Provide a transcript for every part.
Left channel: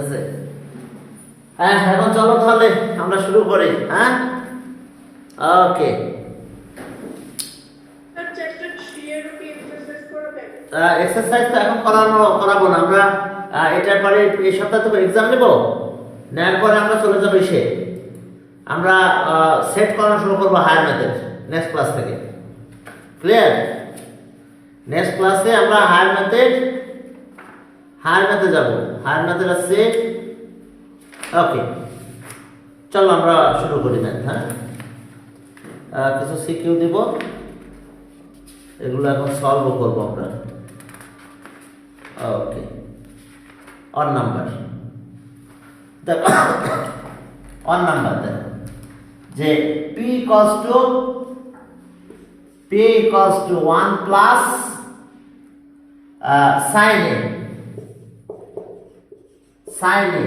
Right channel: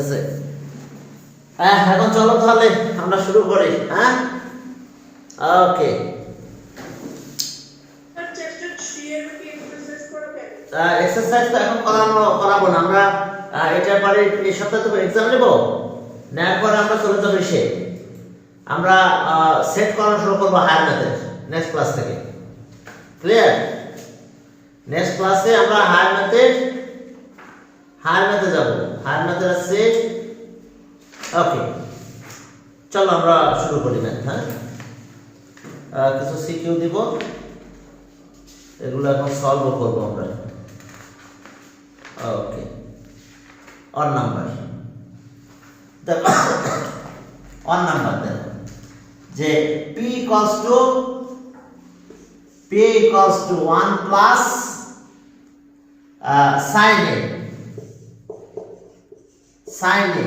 আছে। হ্যাঁ, এখন চলো তাহলে আমরা শুরু করি। হ্যাঁ, ওকে। এক্সারসাইজ তো এখন করাবো না আমরা। এটার পরে এই সপ্তাহে তো এক্সাম নেব, নেওয়ার পরে আমরা চলে যাবো এসে আমরা সেট করানো শুরু করবো হায়ার ম্যাথের নেক্সট ক্লাস থেকে। ক্লিয়ার? নেক্সট ক্লাসে আমরা হায়ার ম্যাথে যাব। হায়ার ম্যাথের আছে। ওকে, চলো আমরা শুরু করি না। হ্যাঁ, কিছু সিকিউ দিব, এগুলো এখন সলভ করবো আমরা। ওকে, অন নাম্বার দেখো, অন নাম্বার দেখো যে p equals to 1 plus sin a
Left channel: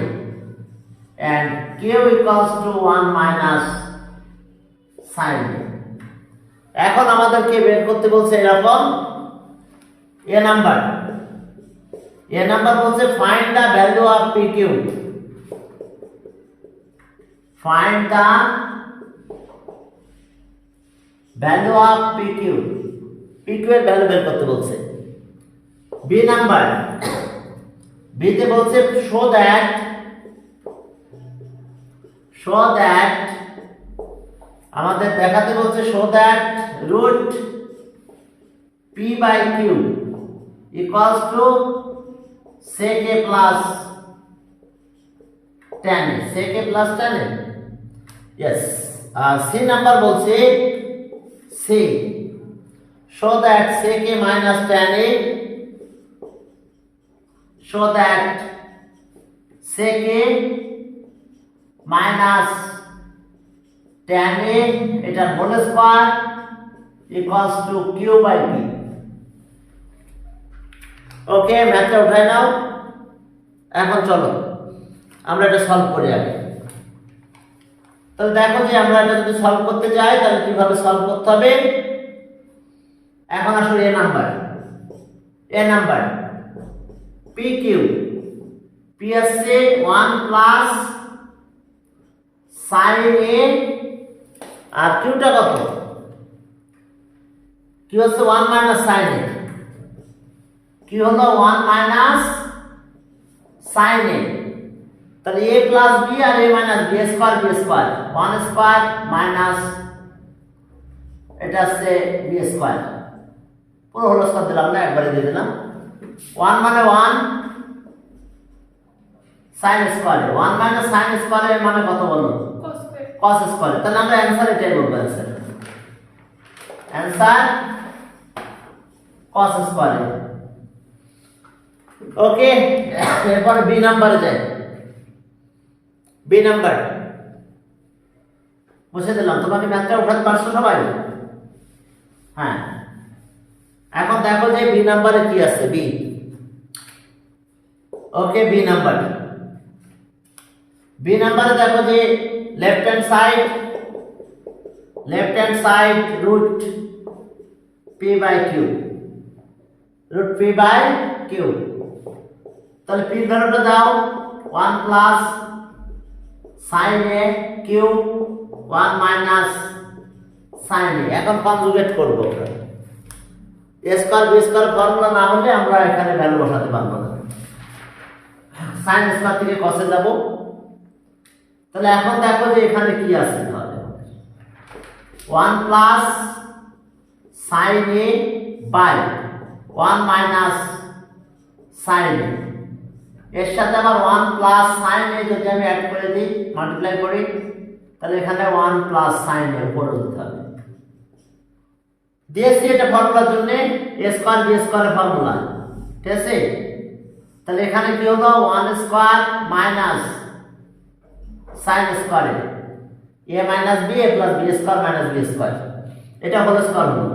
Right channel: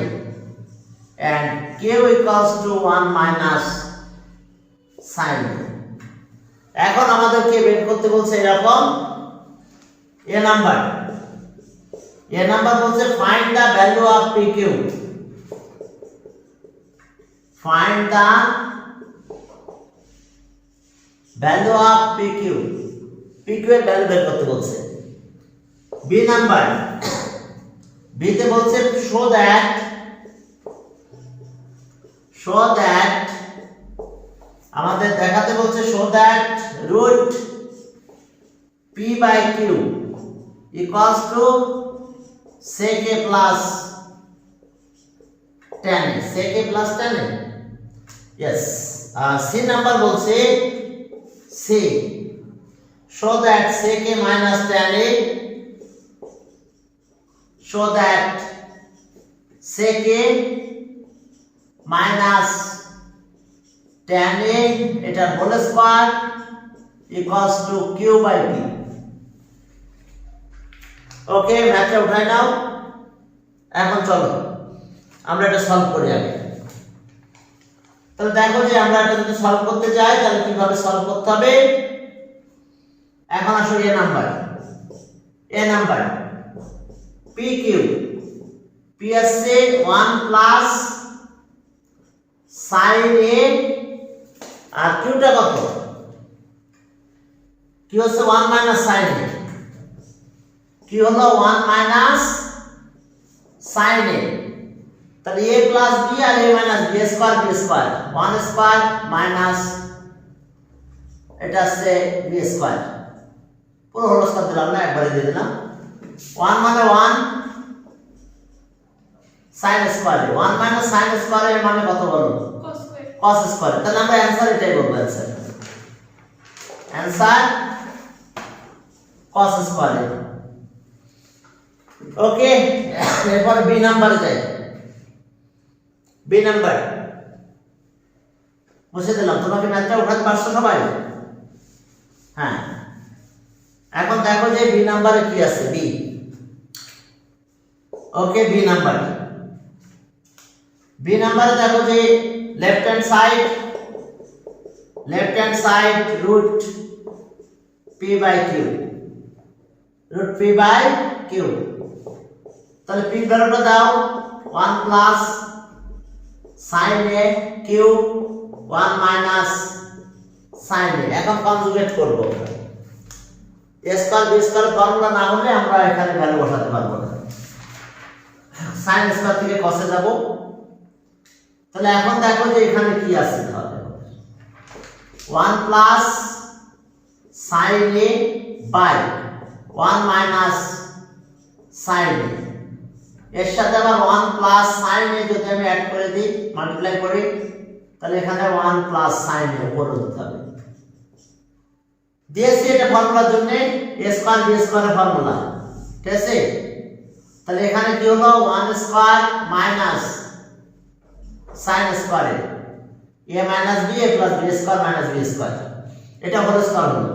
and q equals to 1 minus sin a। এখন আমাদেরকে বের করতে বলছে এরকম এ নাম্বার বলছে find the value of pq। Find the value of pq এর ভ্যালু বের করতে বলছে। বি নাম্বার, বি তে বলছে শো দ্যাট আমাদের দেখাতে বলছে show that root p by q equals to sec a plus tan a। sec a plus tan a, yes। C number বলছে C show that sec a minus tan a, show that sec a minus tan a এটা whole square equals to q by p। Okay, ম্যাথটা উঠাই নাও। এখন চলো আমরা এটা solve করি আগে। তাহলে দেখো যে আমরা এটা যদি সলভ করতে যাই তাহলে কিভাবে সলভ করতে হবে। এখন আসো এ নাম্বার pq, p আছে 1 প্লাস sin a আর q টা কত? q হচ্ছে 1 মাইনাস sin a, q হলো 1 মাইনাস sin a। তাহলে a প্লাস b আর a minus b square 1 square minus এটা আছে b স্কয়ার, পুরো হোল স্কয়ার দিলাম না, একবারে দিয়ে দিলাম। 1 মানে 1 sin square, 1 minus sin square এর মানে কত বলো? cos square. তাহলে আমরা অ্যানসার এটাই বলবো, অ্যানসার cos স্কয়ার। ওকে, এরপর বি নাম্বারে যাই। বি নাম্বার বসে দিলাম। তোমরা কি ম্যাথটা উঠাতে পারছো সবাই? হ্যাঁ, এখন দেখো যে বি নাম্বারে কি আছে। বি, ওকে, বি নাম্বারে দেখো যে left hand side root p by q, তাহলে p ভ্যালুটা দাও 1 plus sin a cube 1 minus sin a। এখন কনজুগেট করব। a square b square formula না হলে আমরা এখানে ভ্যালু বসাতে পারবো না। sin স্কয়ার থেকে cos এ যাব। তাহলে এখন দেখো যে এখানে কি আছে। তাহলে 1 plus sin a by 1 minus sin a, এর সাথে আবার 1 প্লাস sin a যদি আমি অ্যাড করে দিই, মাল্টিপ্লাই করি, তাহলে এখানে 1 প্লাস sin a উপরে দিতে হবে। দিয়েছি এটা ফর্মুলার জন্য a square b square formula, ঠিক আছে? তাহলে এখানে কি হলো 1 square minus sin square a minus b a plus b square minus b square, এটা হোল স্কয়ার হলো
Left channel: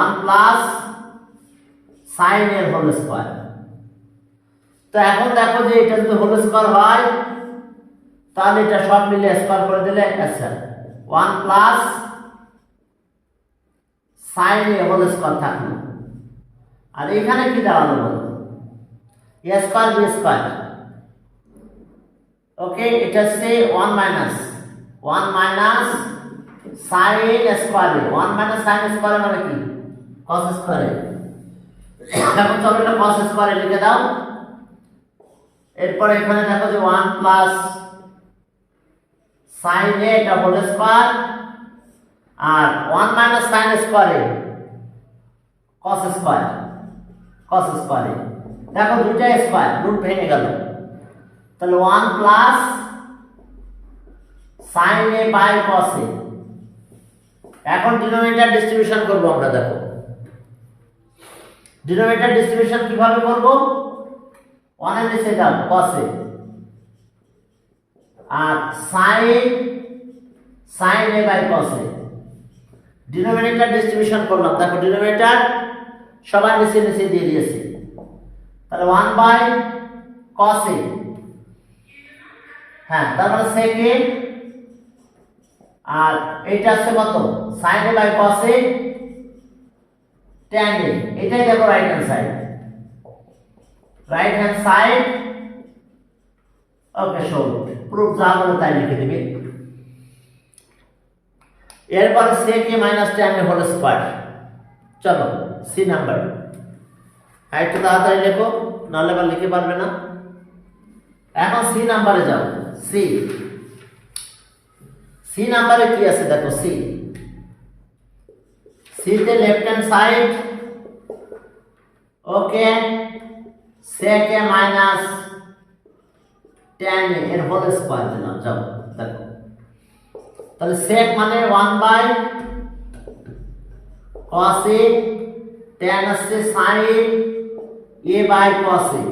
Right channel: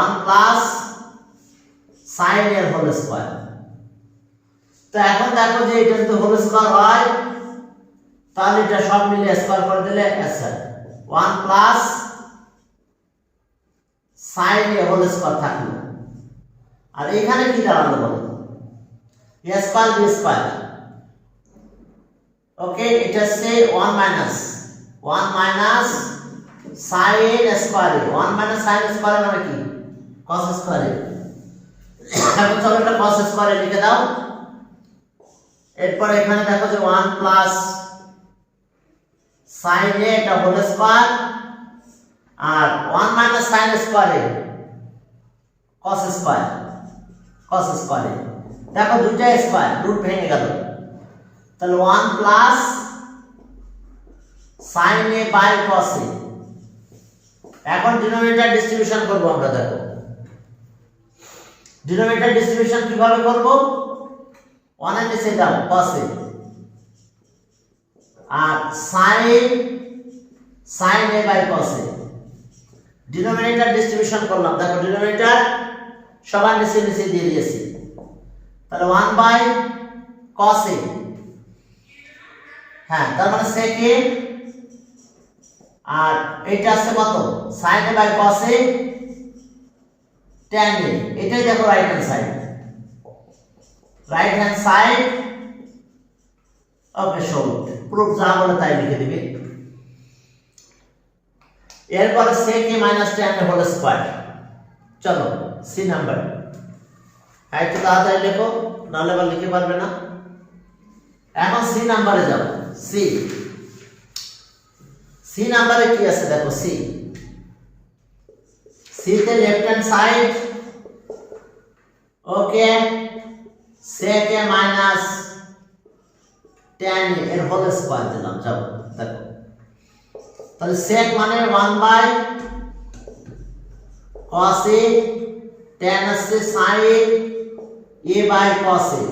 1 প্লাস sin এর হোল স্কয়ার। তো এখন দেখো যে এটা যদি হোল স্কয়ার হয় তাহলে এটা সব মিলে স্কয়ার করে দিলে আচ্ছা 1 plus sin a whole square থাকলো। আর এখানে কি দাঁড়ালো বলো? a square b square, okay, এটা হচ্ছে 1 minus sin square. 1 minus sin square মানে কি? cos square. এখন চলো এটা cos স্কয়ার লিখে দাও। এরপর এখানে দেখো যে 1 প্লাস sin a এটা হোল স্কয়ার আর 1 minus sin square cos square. দেখো দুটো স্কয়ার, রুট ভেঙে গেল, তাহলে 1 plus sin a by cos a। এখন ডিনোমিনেটর ডিস্ট্রিবিউশন করব আমরা। দেখো ডিনোমিনেটর ডিস্ট্রিবিউশন কিভাবে করব? 1 এর নিচে দাও cos a আর sin a by cos a। Denominator distribution করলাম। দেখো ডিনোমিনেটর সবার নিচে নিচে দিয়ে দিয়েছি, তাহলে 1 বাই cos a। হ্যাঁ, তার মানে sec a আর এইটা আছে কত? sin a by cos a tan a। এটাই দেখো right hand side. Okay, solve. Proof যা বলে তাই লিখে দিবে। এরপর sec a minus tan a whole square. চলো সি নাম্বার, একটু তাড়াতাড়ি লেখো, নাহলে আবার লিখতে পারবে না। এখন সি নাম্বারে যাও। সি নাম্বারে কি আছে দেখো। সি তে left hand side. Okay, sec a minus tan a এর হোল স্কয়ার দিলাম। যাও দেখো, তাহলে sec মানে 1 বাই cos a, tan আছে sin a by cos a,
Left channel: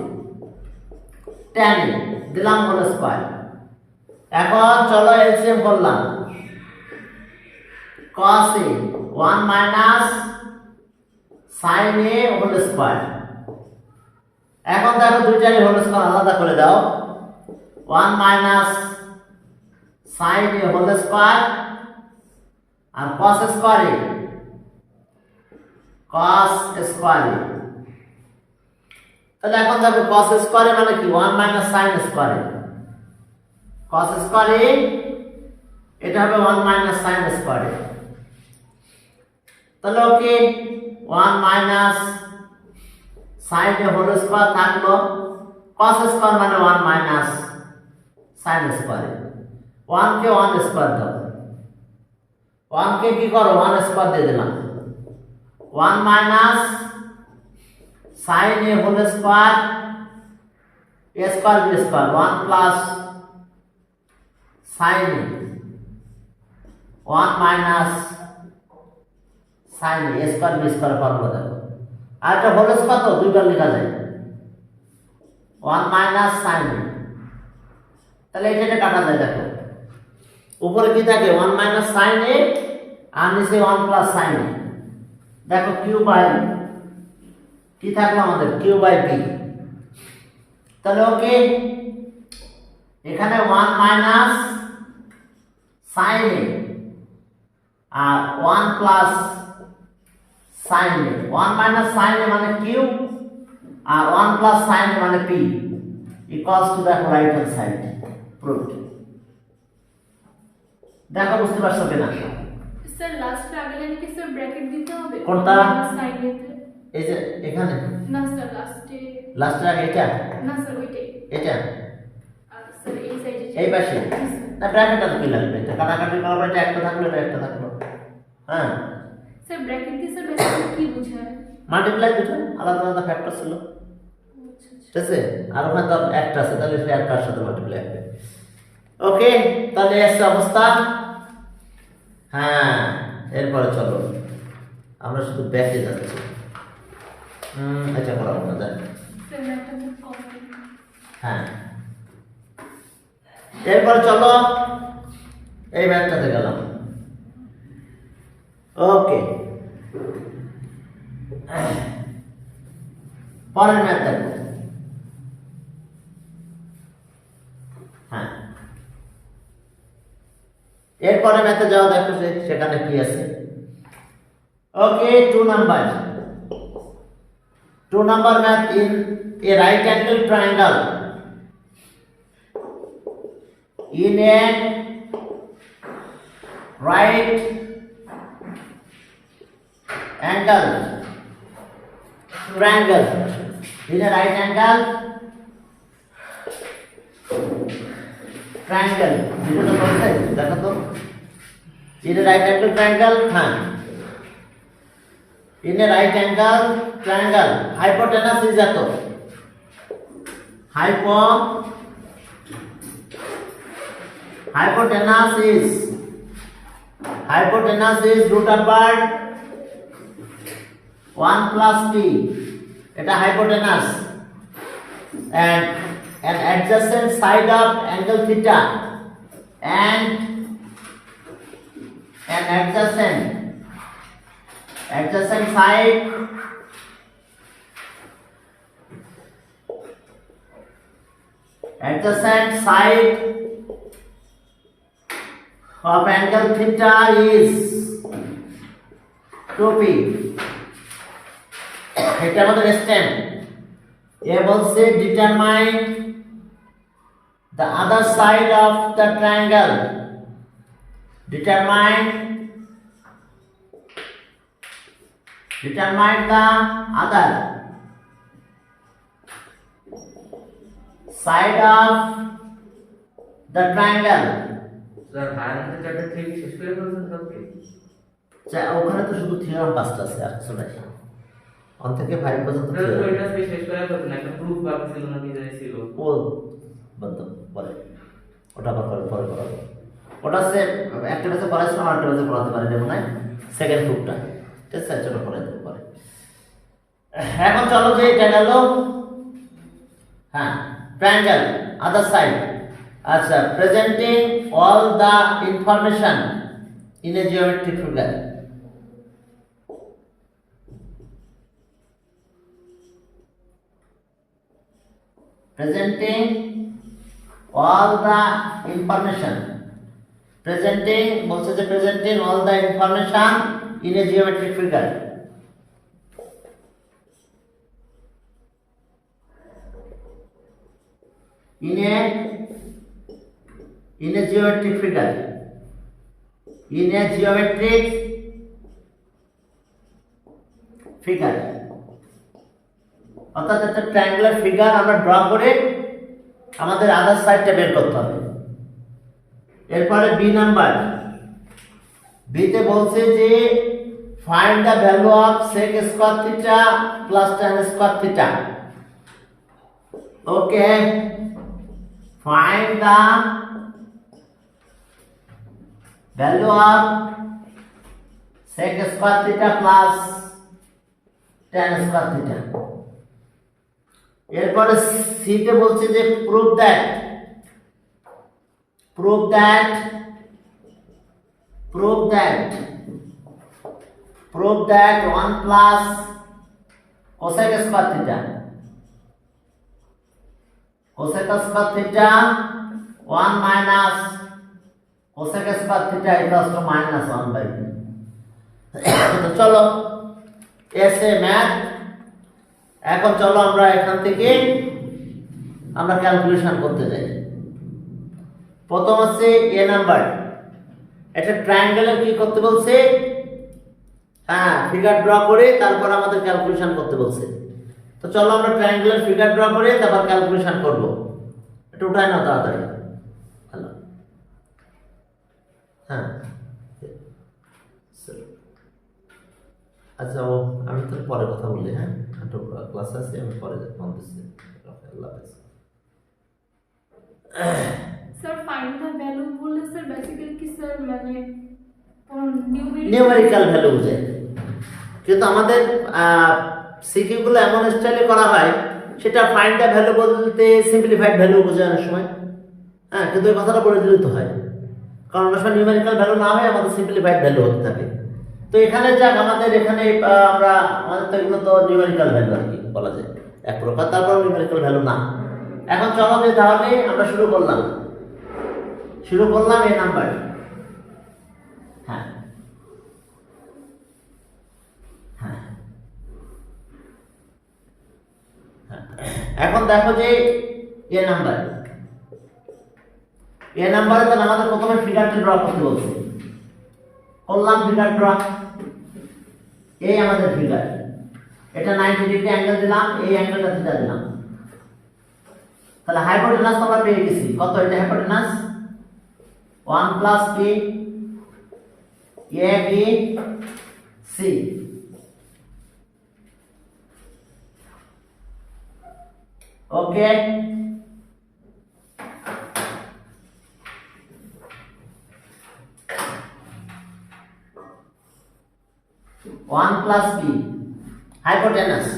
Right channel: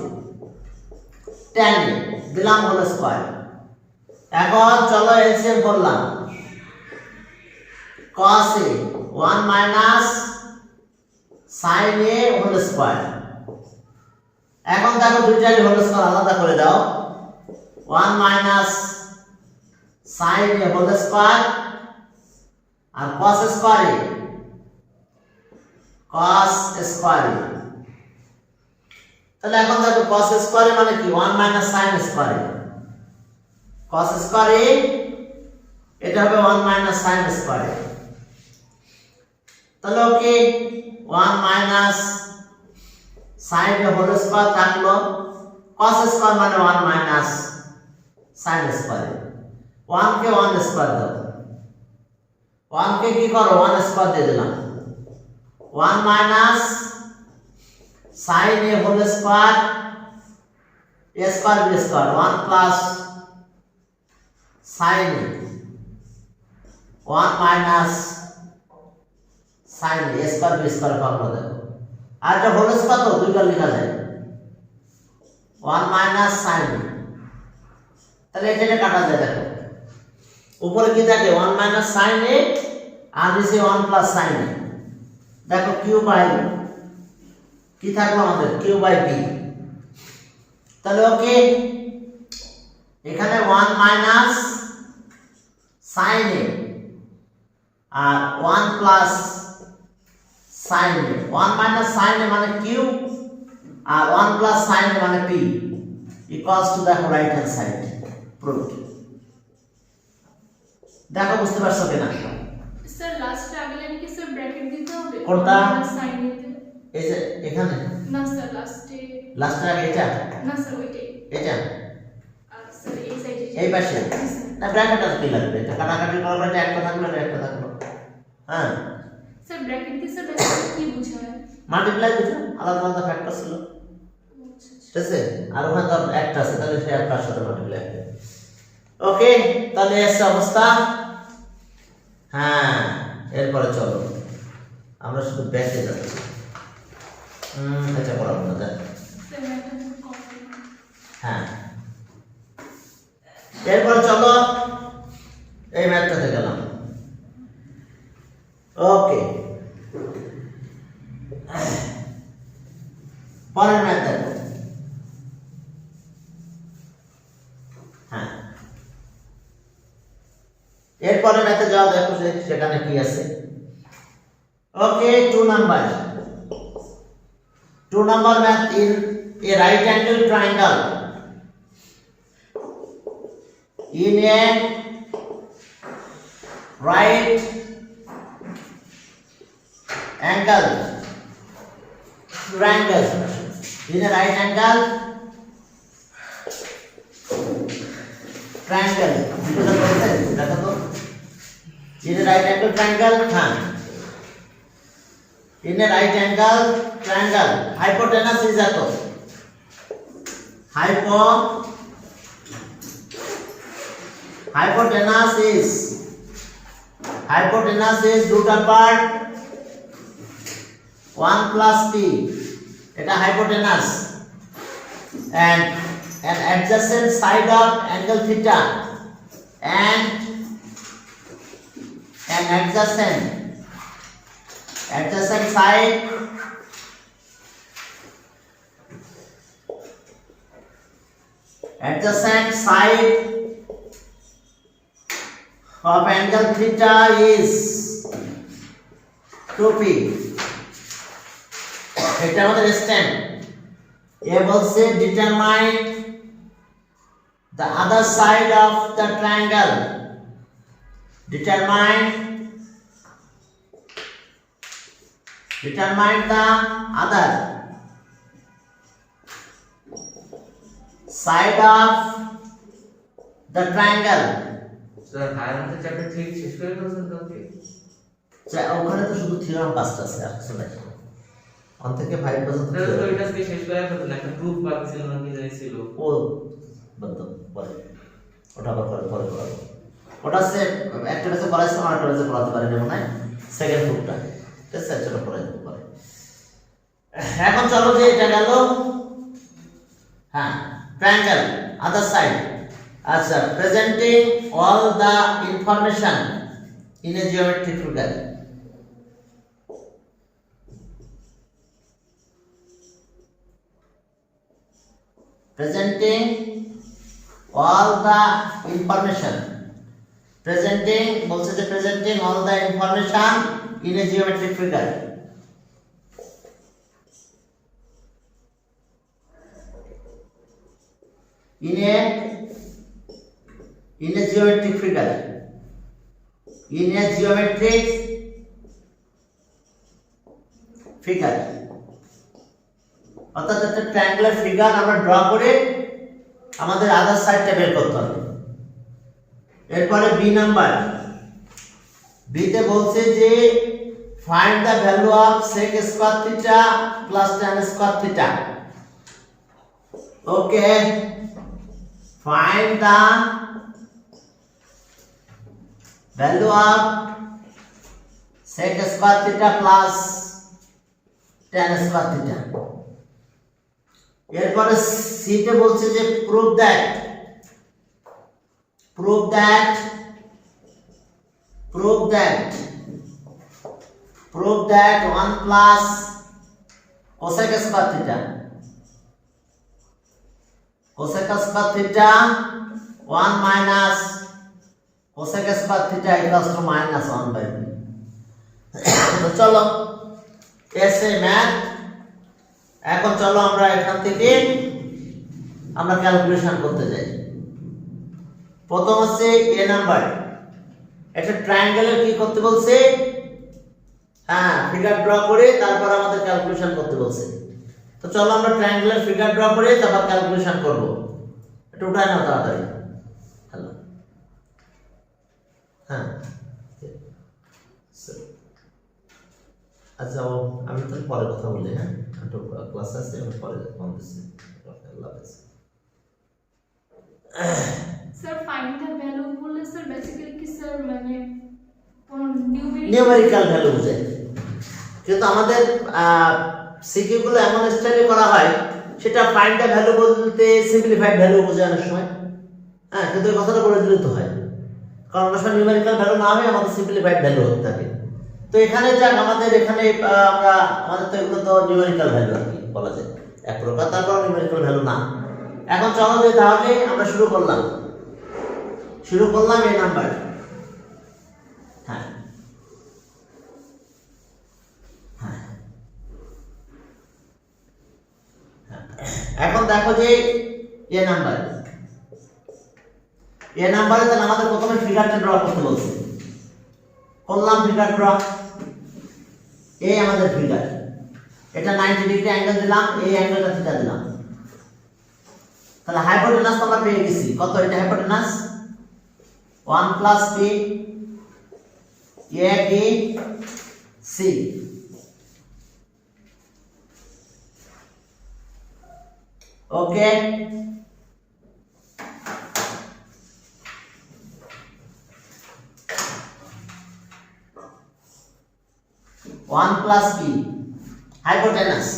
tan a দিলাম হোল স্কয়ার। এখন চলো এলসিএম করলাম। cos a 1 minus sin a whole square. এখন দেখো দুইটারই হোল স্কয়ার আলাদা করে দাও। 1 minus sin a whole square আর cos স্কয়ার a। তাহলে এখন দেখো cos স্কয়ার a মানে কি? 1 minus sin square a। cos square a এটা হবে 1 মাইনাস sin স্কয়ার a। তাহলে okay, 1 minus sin a whole square থাকলো, cos স্কয়ার মানে 1 মাইনাস sin স্কয়ার। 1 কে 1 স্কয়ার দাও। 1 কে কি করো? 1 স্কয়ার দিয়ে দিলাম। 1 minus sin a whole square, a square b square, 1 plus sin a 1 minus sin a square b square formula দেখো। আর এটা হোল স্কয়ার তো দুইবার লেখা যায়। 1 মাইনাস sin a, তাহলে এটা কাটা যায়। দেখো উপরে কি থাকে? 1 মাইনাস sin a আর নিচে 1 প্লাস sin a। দেখো q বাই কি থাকলো আমাদের? q by b। তাহলে ওকে, এখানে 1 মাইনাস sin a আর 1 plus sin a। 1 minus sin a মানে q আর 1 প্লাস sin a মানে p ইকুয়ালস টু দেখো রাইট হ্যান্ড সাইড। প্রুফ দেখো, বুঝতে পারছো কিনা? স্যার লাস্ট আগে কি স্যার ব্র্যাকেট দিতে হবে? কোনটা? সাইন এতে। এই যে এখানে না স্যার লাস্টে আগে এটা। না স্যার ওইটাই। এটা আর স্যার এই সাইডে এই পাশে না, ব্র্যাকেট আর কি লাগবে? এটা কাটাকাটি করার পর একটা থাকলো, এটা একটা থাকলো। হ্যাঁ স্যার ব্র্যাকেট দিয়ে স্যার ব্র্যাকেট কি বোঝায়? মাল্টিপ্লাই দুটো আলাদা আলাদা ফ্যাক্টর ছিল, ঠিক আছে? আর ওখানে তো একটা আছে, তাহলে সে একটার সাথে মাল্টিপ্লাই হবে। ওকে, তাহলে এসে অবস্থা। হ্যাঁ, এরপরে চলো আমরা শুধু ব্যাকে যাচ্ছি। আচ্ছা বলো না দেখ। স্যার এখন কপি। হ্যাঁ, এরপর চলো এই ম্যাথটাতে গেলাম। ওকে, পরের ম্যাথ দেখো। হ্যাঁ, এরপরে ম্যাথে যাও, দেখো সেখানে কি আছে। ওকে, 2 number math in a right angle triangle in a right angle triangle, in a right angle triangle, এটা তো বলছে দেখো তো, in a right angle triangle, হ্যাঁ, in a right angle triangle hypotenuse is এত, hypotenuse is root over 1 plus p, এটা hypotenuse, and an adjacent side of angle theta, and an adjacent side of angle theta is 2p, এটা আমাদের stand. এ বলছে determine the other side of the triangle, determine the other side of the triangle। Sir viral chapter 3 শেষ করে ফেলছেন কালকে? ওখানে তো শুধু থিওরাম পাঁচটা আছে, আসলে 1 থেকে 5 পর্যন্ত তো ওইটা আজকে শেষ করে ফেলছেন, একটা প্রুফ বাকি ছিল না, কি জানি ছিল ও বন্ধ বলে, ওটা আবার পরে করব। ওটা সে একটা কাছে করাইছিলাম, আরেকটা কাছে করাতে পারি না, মানে সেকেন্ড প্রুফটা, ঠিক আছে, চলো পরে দেব পরে। এখন চলো যে এটা গেল, হ্যাঁ, ট্রায়াঙ্গেল আদার সাইড, আচ্ছা, presenting all the information in a geometric figure, presenting all the information, presenting বলছে যে presenting all the information in a geometric figure, in a geometric figure, in a geometric figure, অর্থাৎ একটা triangular figure আমরা draw করে আমাদের আদার সাইডটা বের করতে হবে। এরপরে বি নাম্বার, বিতে বলছে যে find the value of sec square theta plus tan square theta. Okay, find the value of sec square theta plus tan square theta. এরপরে সিতে বলছে যে prove that 1 plus cosec square theta 1 minus cosec square theta equals to -1/b। চলো এসে math, এখন চলো আমরা এখান থেকে আমরা ক্যালকুলেশন করতে যাই। প্রথম আছে এ নাম্বার, একটা ট্রায়াঙ্গেলের কি করতে বলছে, হ্যাঁ, ফিগার ড্র করে তারপর আমাদের ক্যালকুলেশন করতে বলছে। তো চলো আমরা ট্রায়াঙ্গেলের ফিগার ড্র করে তারপর ক্যালকুলেশন করব। এটা উঠাই না তাড়াতাড়ি, হ্যালো, হ্যাঁ, আচ্ছা, আমি তো পরে কথা বলি, হ্যাঁ, একটু ক্লাস আছে, আমি পরে ফোন দিচ্ছি। স্যার ফাইন্ড দ্য ভ্যালু বললে স্যার বেসিক্যালি কি স্যার মানে কোন নিউমেরিক্যাল ভ্যালু বোঝায়, কিন্তু আমাদের সিকিউ গুলো এমন স্টাইলে করা হয়, সেটা ফাইন্ড দ্য ভ্যালু বলতে সিম্পলিফাইড ভ্যালু বোঝায় অনেক সময়, হ্যাঁ, কিন্তু এই কথাটা বলে দিলে তো হয়, কারণ অনেক সময় নিউমেরিক্যাল ভ্যালু না হয় আমাদের সিম্পলিফাইড ভ্যালু হতে থাকে। তো এখানে যাক, আমাদের এখানে আমরা আমাদের তো এগুলো তো নিউমেরিক্যাল ভ্যালু আর কি বলা যায় এক প্রকার, তারপর নিউমেরিক্যাল ভ্যালু না। এখন চলো যে তাহলে আমরা শুরু করলাম এই নাম্বার, হ্যাঁ, এখন দেখো যে এ নাম্বার এ নাম্বারে তাহলে আমাদের প্রথমে ফিগারটা ড্র করতে বলছে, করলাম ফিগার ড্র। এই আমাদের ফিগার, এটা 90 ডিগ্রি অ্যাঙ্গেল দিলাম, এই অ্যাঙ্গেলটা থিটা দিলাম। তাহলে হাইপোটেনাস আমরা পেয়ে গেছি, কত এটা hypotenuse 1 plus p a b c। Okay, one plus P hypotenuse.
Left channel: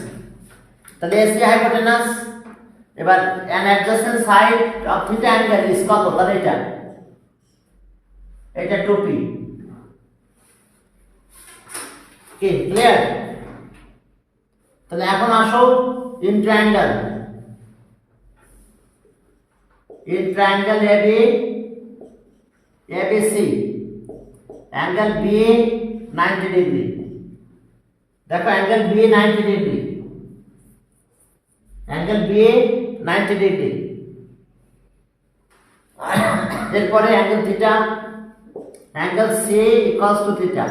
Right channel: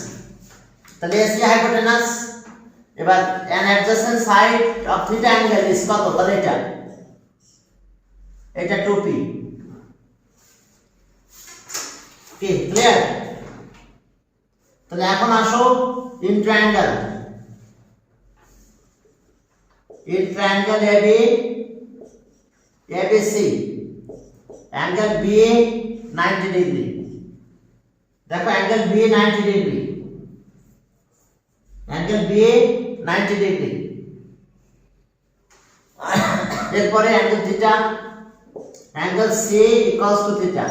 তাহলে এসি হাইপোটেনাস। এবার an adjacent side of theta angle is কত? তাহলে এটা 2p। কি ক্লিয়ার? তাহলে এখন আসো in triangle AB ABC angle B 90 degree. দেখো angle B 90 degree, angle B 90 degree. এরপরে angle theta, angle C equals to theta.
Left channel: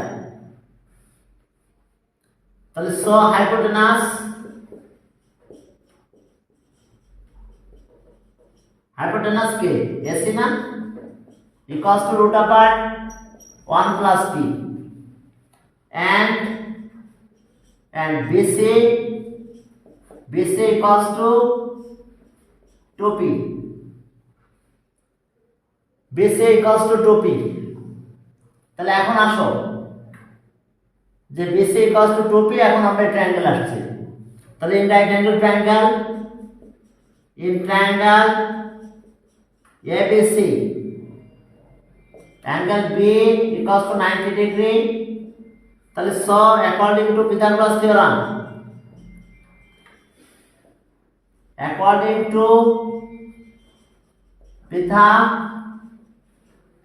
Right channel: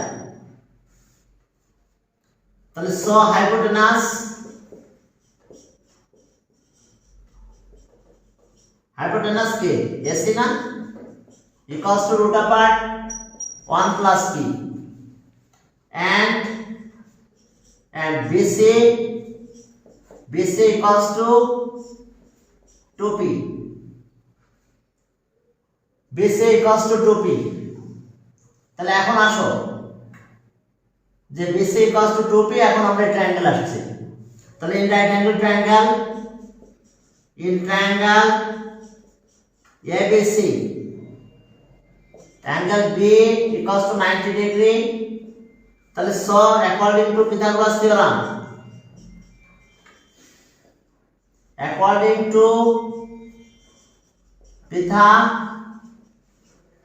তাহলে সো হাইপোটেনাস কে AC না, equals to root upper 1 plus p and BC equals to 2p, BC equals to 2p। তাহলে এখন আসো যে BC equals to 2p, এখন আমরা ট্রায়াঙ্গেল আসছে। তাহলে in right angle triangle, in triangle ABC angle B equals to 90 degree। তাহলে so according to Pythagoras theorem, according to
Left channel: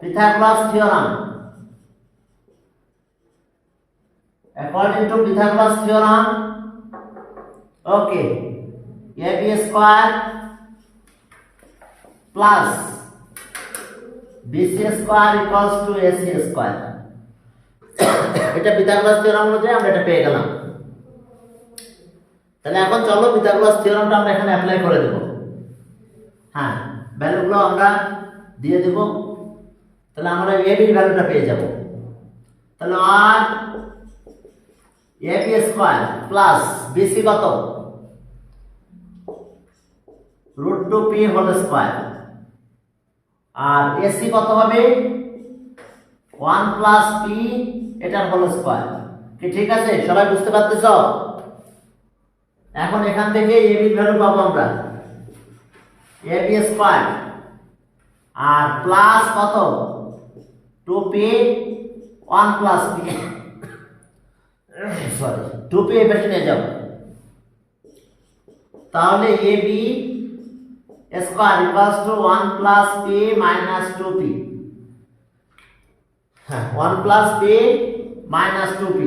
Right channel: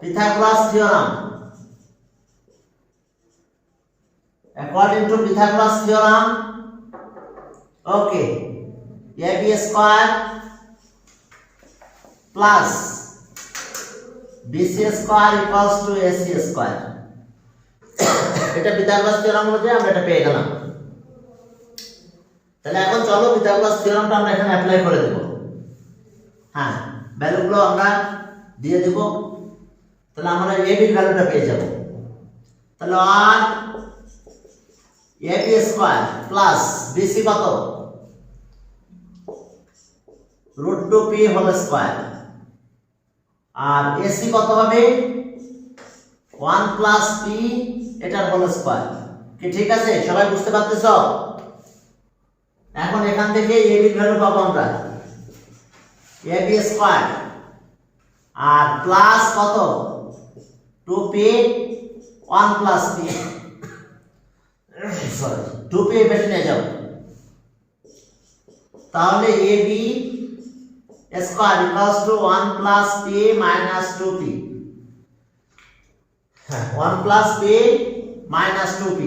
Pythagoras theorem, according to Pythagoras theorem, okay, AB square plus BC square equals to AC square। এটা Pythagoras theorem অনুযায়ী আমরা এটা পেয়ে গেলাম। তাহলে এখন চলো পিথাগোরাস থিওরেমটা আমরা এখানে অ্যাপ্লাই করে দেব। হ্যাঁ, ভ্যালুগুলো আমরা দিয়ে দেব। তাহলে আমরা AB এর ভ্যালুটা পেয়ে যাব। তাহলে আর AB স্কয়ার প্লাস BC কত? √2p whole square. আর AC কত হবে? 1 প্লাস p এটার হোল স্কয়ার। কি ঠিক আছে? সবাই বুঝতে পারতেছো? এখন এখান থেকে AB এর ভ্যালু পাবো আমরা AB স্কয়ার আর প্লাস কত? 2p 1 plus p, sorry 2p এর বেশি নিয়ে যাও। তাহলে AB square equals to 1 plus p minus 2p। 1 plus p minus 2p।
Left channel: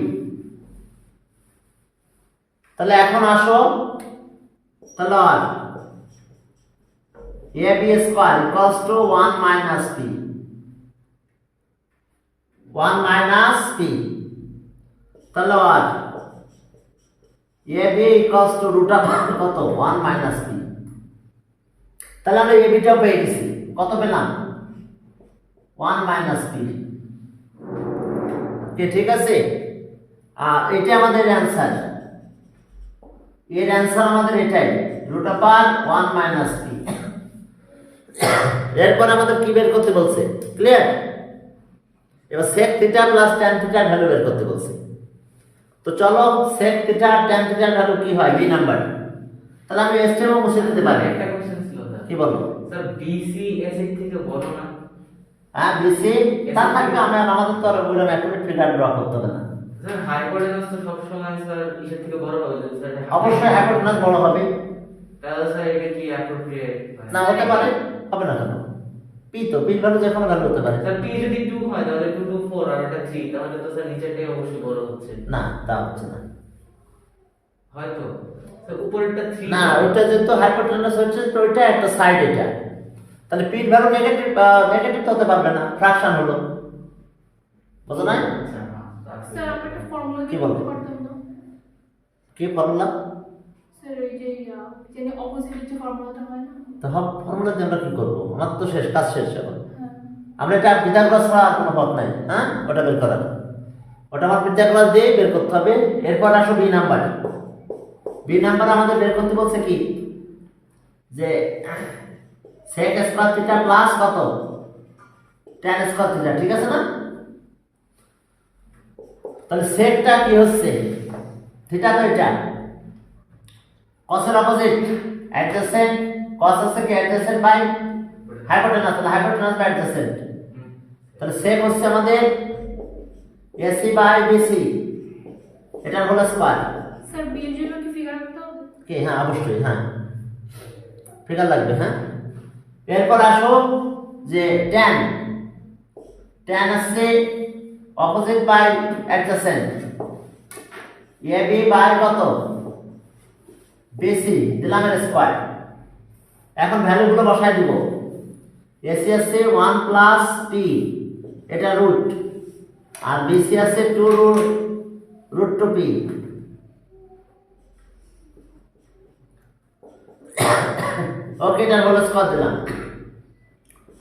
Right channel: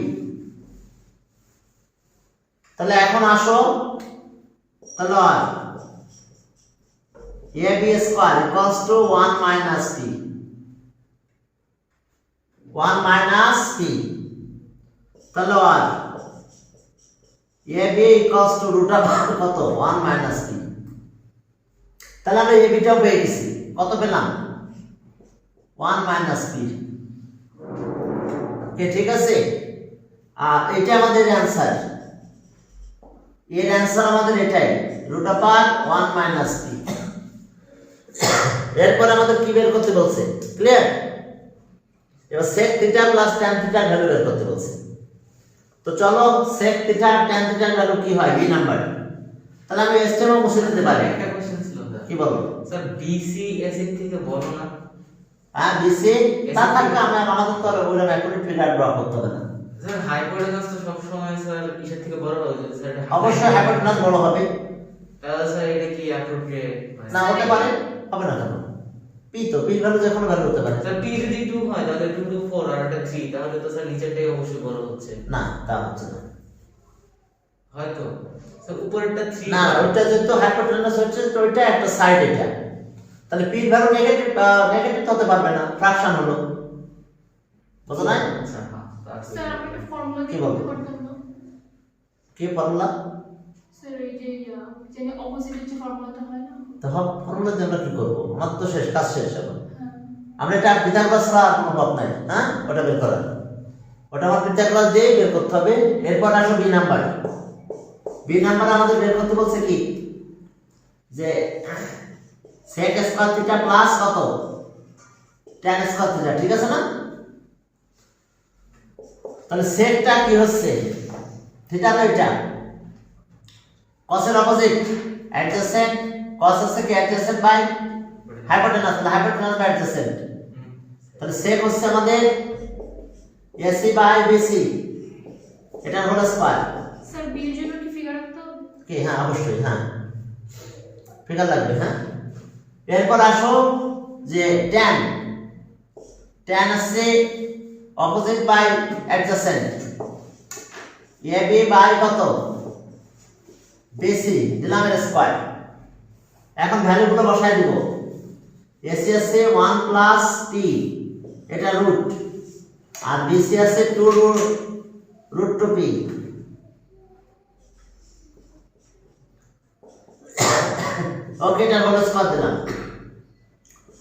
তাহলে এখন আসো, তাহলে AB square equals to 1 minus p, 1 minus p। তাহলে AB equals to root of কত? 1 মাইনাস p। তাহলে আমরা AB টা পেয়ে গেছি, কত পেলাম? 1 মাইনাস p। ঠিক আছে? আর এটা আমাদের অ্যানসার, এর অ্যানসার আমাদের এটাই, রুট অফ 1 মাইনাস p। এরপর আমাদের কি বের করতে বলছে? ক্লিয়ার? এবার sec থিটা প্লাস tan থিটার ভ্যালু বের করতে বলছে। তো চলো sec থিটা tan থিটার ভ্যালু কি হয়? b number. তাহলে আমি এস্টিমেট মুছে দিতে পারি। একটা কোশ্চেন ছিল স্যার। কি বলবো? স্যার BC AC থেকে বড় না? হ্যাঁ, BC তার থেকে আমাদের তো আর বললাম এখন ফিগার ড্র করতে হবে না। স্যার হাইপোটেনাস তো সব সময় স্যার ইসের থেকে বড় হবে স্যার। অবশ্যই হাইপোটেনাস বড় হবে। তাহলে স্যার এটা কি অ্যাপ্রোপ্রিয়েট? না হতে পারে, হবে না কেন? p তো p ভ্যালু যখন ভ্যালু হতে পারে। স্যার p যদি 2 হয় তাহলে 2 to 4 আর এটা 3, তাহলে তো স্যার নিচেরটাই অবশ্যই বড় হচ্ছে। না, তা হচ্ছে না। হয়তো স্যার উপরেরটা 3। না, ওটা যেহেতু হাইপোটেনাস হচ্ছে তো ওইটা একটা সাইড এটা। তাহলে p এর ভ্যালু নেগেটিভ নেগেটিভ হতে পারবে না, ফ্র্যাকশন হলো, বুঝো না? আচ্ছা হ্যাঁ স্যার আমরা একটা ফর্মুলা কি দিয়ে বলবো? করতে পারতাম না কি ফর্মুলা? স্যার এই যে জানি অপোজিটের যে ফর্মুলাটা হয় না তো ফর্মুলা দিয়ে আমরা কি করবো? আমার তো শেষ, কাজ শেষ এখন। হ্যাঁ আমরা এটা পিথাগোরাস ছাড়া আর কোনো পথ নাই, হ্যাঁ ওটা বের করার, ওটা আমার পিথাগোরাস দিয়ে বের করতে হবে। এরপর আসো বি নাম্বার। বি নাম্বার আমাদের বের করতে বলছে কি যে sec স্কয়ার থিটা প্লাস কত tan স্কয়ার থিটা, ঠিক আছে না? তাহলে সেকটা কি হচ্ছে, থিটা তো এটা cos এর অপোজিট অ্যাডজেসেন্ট, cos হচ্ছে কি অ্যাডজেসেন্ট বাই হাইপোটেনাস, তাহলে হাইপোটেনাস বাই অ্যাডজেসেন্ট, তাহলে sec হচ্ছে আমাদের AC বাই BC, এটা হলো স্কয়ার। স্যার বি এর জন্য কি ফিগার আনতে হবে? কি হ্যাঁ অবশ্যই, হ্যাঁ ফিগার লাগবে, হ্যাঁ। এরপর আসো যে tan, tan আছে opposite by adjacent, AB by কত BC, দিলাম এর স্কয়ার। এখন ভ্যালুগুলো বসাই দিব। AC আছে 1 প্লাস t, এটা রুট, আর BC আছে 2 রুট 2p, ওকে এটা হোল স্কয়ার দিলাম।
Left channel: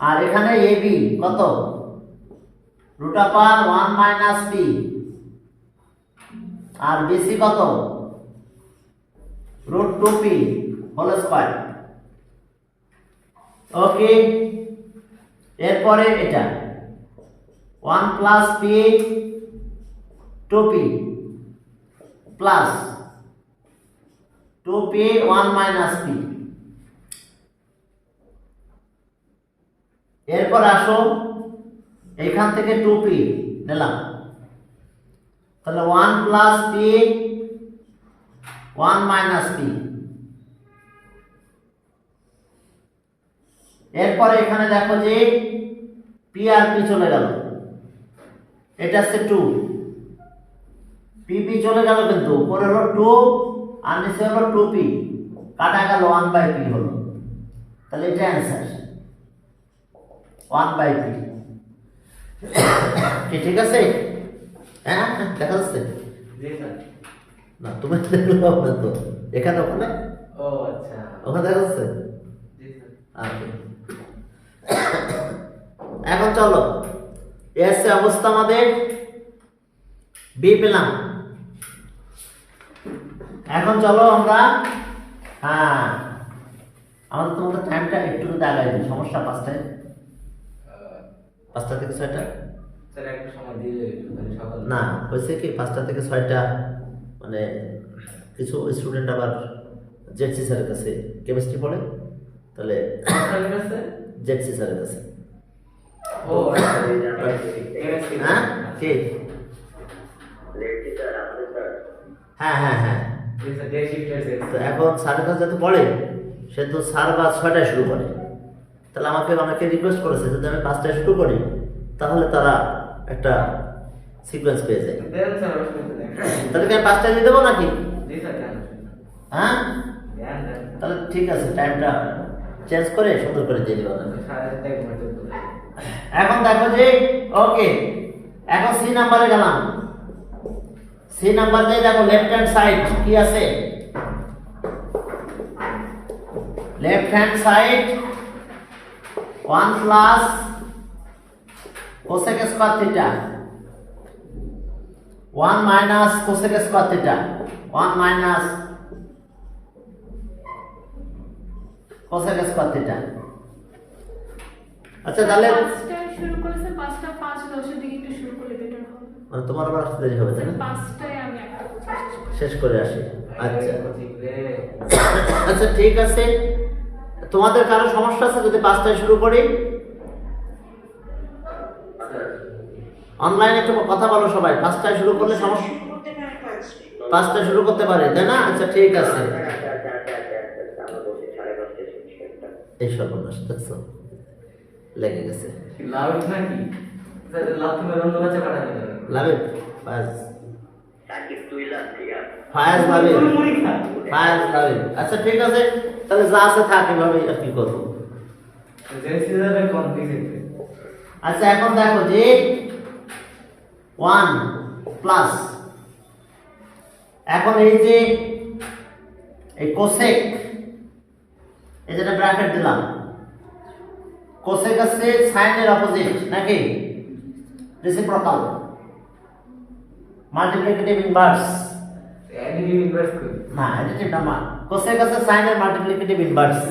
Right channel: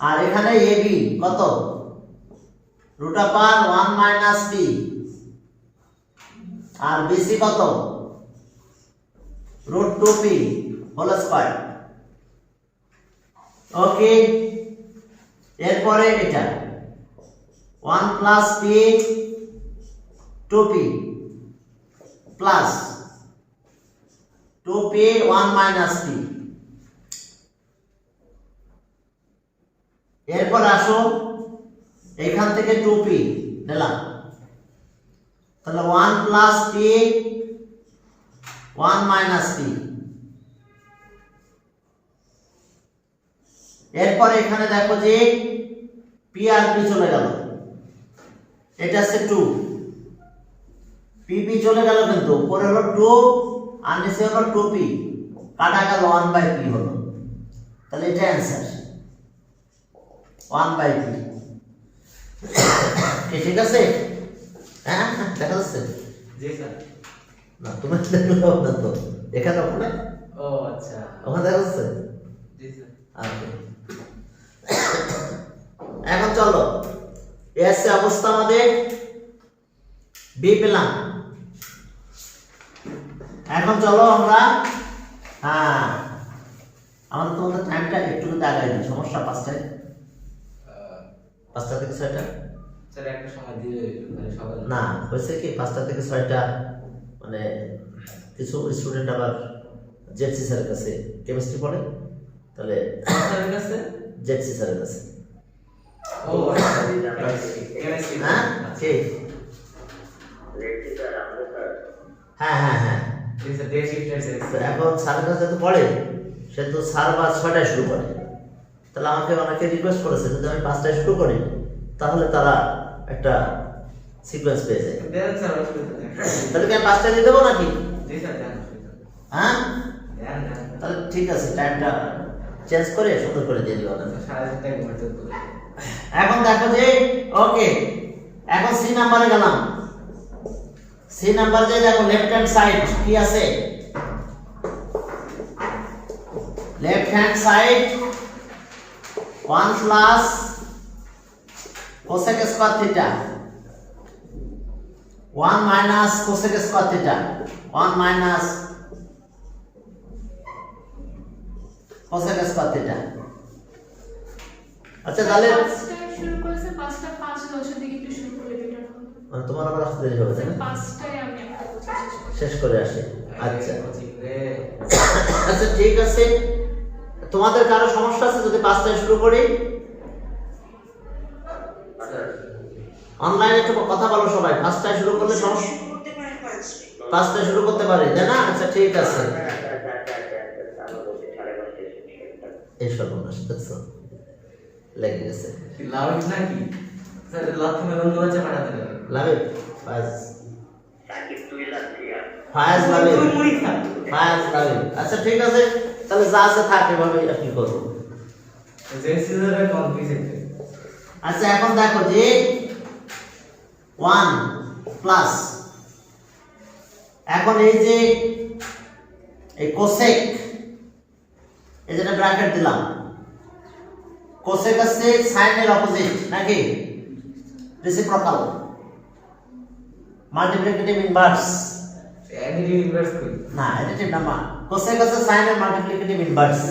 আর এখানে AB কত রুট আপার 1 মাইনাস p, আর BC কত রুট 2p হোল স্কয়ার, ওকে। এরপরে এটা 1 plus p 2p plus 2p 1 minus p। এরপর আসো এখান থেকে 2p নিলাম, তাহলে 1 প্লাস p 1 মাইনাস p। এরপর এখানে দেখো যে p আর p চলে গেল, এটা আছে 2, p চলে গেল, কিন্তু উপরে হলো 2 আর নিচে হলো 2p, কাটা গেল 1 বাই p হলো, তাহলে এটা অ্যান্সার 1 বাই p। ঠিক আছে, হ্যাঁ দেখা যাচ্ছে? জি স্যার। না তুমি দেখলো না তো, এখানে ওখানে, ও আচ্ছা ওখানে দেখা যাচ্ছে? জি স্যার। আচ্ছা এখন চলো এস অবস্থা আমাদের বি পেলাম। এখন চলো আমরা, হ্যাঁ আমাদের তোমাদের টাইমটা একটু আগাই দিই, সমস্যা 5টায়, 5টা থেকে 6টা স্যার একটা সময় দিলে মানে সকাল না, হয়েছে কি 5টা থেকে 6টা মানে কিছু স্টুডেন্ট আবার জেডসি স্যারের কাছে কেমিস্ট্রি পড়ে, তাহলে স্যারের কাছে জেডসি স্যারের কাছে। ও আচ্ছা কেমিস্ট্রি হ্যাঁ কি হ্যাঁ হ্যাঁ হ্যাঁ, জি স্যার ডে শিফটার স্যার। তো এখন স্যারের কাছে যেহেতু পড়ে, সে তো স্যার বা 6টায় শুরু করে, তাহলে আমাকে অনেকে রিকোয়েস্ট করেছে যদি আমি 5টায় শুরু করি তাহলে তারা একটা সিকোয়েন্স পেয়ে যায়। দেন স্যার অসুবিধা নেই। তাহলে কি আমি 5টায় দিয়ে দেবো নাকি? জি স্যার দেন। হ্যাঁ দেন দেন। তাহলে ঠিক আছে, টাইমটা চেঞ্জ করে সুন্দর করে দিয়ে দেবো না। সাড়ে 4টায় ঘুমাতে বলে। এখন দেখো যে ওকে, এখন সি নাম্বারে গেলাম। সি নাম্বার যে দেখো লেফট হ্যান্ড সাইড কি আছে, left hand side 1 plus cosec square theta 1 minus cosec square theta 1 minus cosec square theta. আচ্ছা তাহলে 5টায় শুরু করেছে, 5টা 5:10 দিকে একটু শুরু করলে বেটার হবে। মানে তোমার আবার আসতে দেরি হবে তাই না? 5টায় আমি একটা কোচিং শেষ করি। শেষ করে আসি। আচ্ছা ঠিক রে। আচ্ছা ঠিক আছে, তোমাদের কারো সমস্যা আছে যদি 5টায় শুরু করি? অনলাইনে একটু কথা বলো সবাই, 5টায় শুরু করলে সমস্যা, 5টায় শুরু করতে পারে তাই না? আচ্ছা ঠিক আছে, এই সর্বনাশ দেখছো লেগে গেছে। লাভ নাকি স্যার, লাভ তুমি অন্য কাছে পাঠাতে পারো। লাভে ফায়াজ ফায়াজ লাভে ফায়াজ লাভে। আচ্ছা ঠিক আছে, তাহলে যা আছে থাক, এভাবে আর কি করবো। This is a complicated. আচ্ছা এখন দেখো যে 1 প্লাস এখন এই যে এই কোসেক এই যেটা ব্র্যাকেট দিলাম কোসেক আছে সাইনের অপোজিট নাকি reciprocal multiplicative inverse Additive inverse করি। না অ্যাডিটিভ না কোসেক আছে সাইনের মাল্টিপ্লিকেটিভ ইনভার্স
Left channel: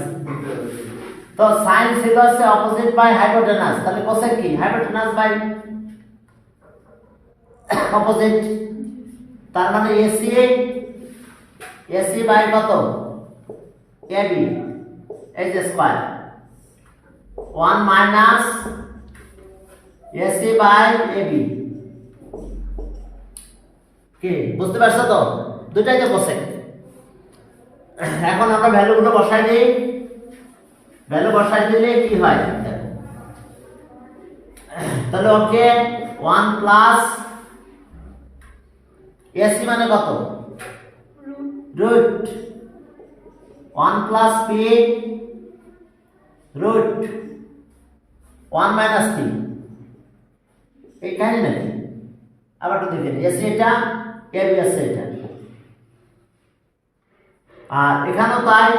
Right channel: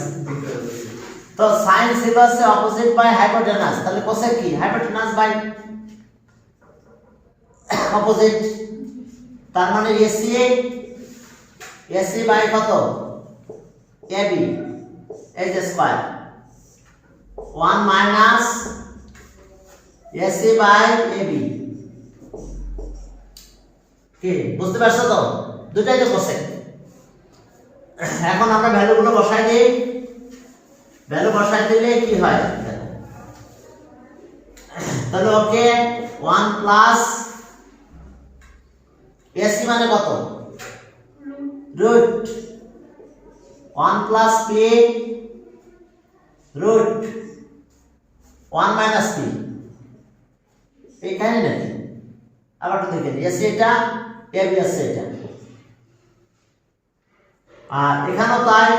তো সাইন ছিল আছে অপোজিট বাই হাইপোটেনাস তাহলে কোসেক কি হাইপোটেনাস বাই অপোজিট তার মানে এসি বাই কত এবি এই যে square 1 minus AC by AB কি বুঝতে পারছো তো দুটাই তো কোসেক এখন আমরা ভ্যালুগুলো বসাই দিই ভ্যালু বসাই দিলে কি হয় তাহলে ওকে 1 প্লাস এসি মানে কত root 1 plus P root 1 minus P এইখানে নাকি আবার একটু দেখেন এসি এটা এবি আছে এটা আর এখানেও তাই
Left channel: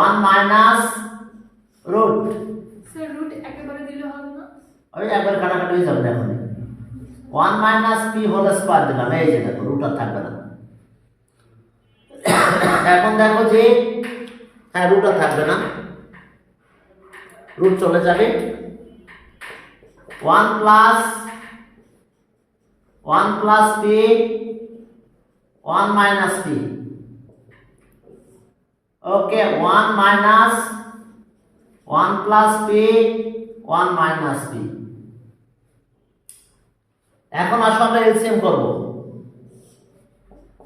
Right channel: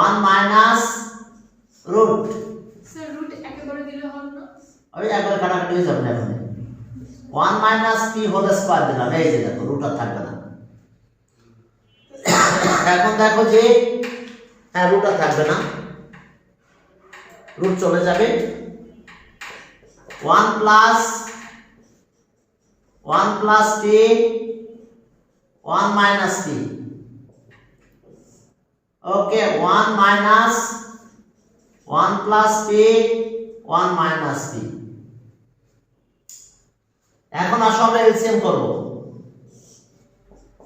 1 মাইনাস রুট স্যার রুট একেবারে দিলে হবে না ওই একবারে কাটাকাটি হয়ে যাবে এখন 1 মাইনাস পি হোল স্কয়ার দিলাম এই যে দেখো রুট আর থাকবে না এখন দেখো যে হ্যাঁ রুট আর থাকবে না রুট চলে যাবে 1 প্লাস পি 1 মাইনাস পি ওকে 1 minus 1 plus P 1 minus P এখন আসো আমরা এলসিএম করব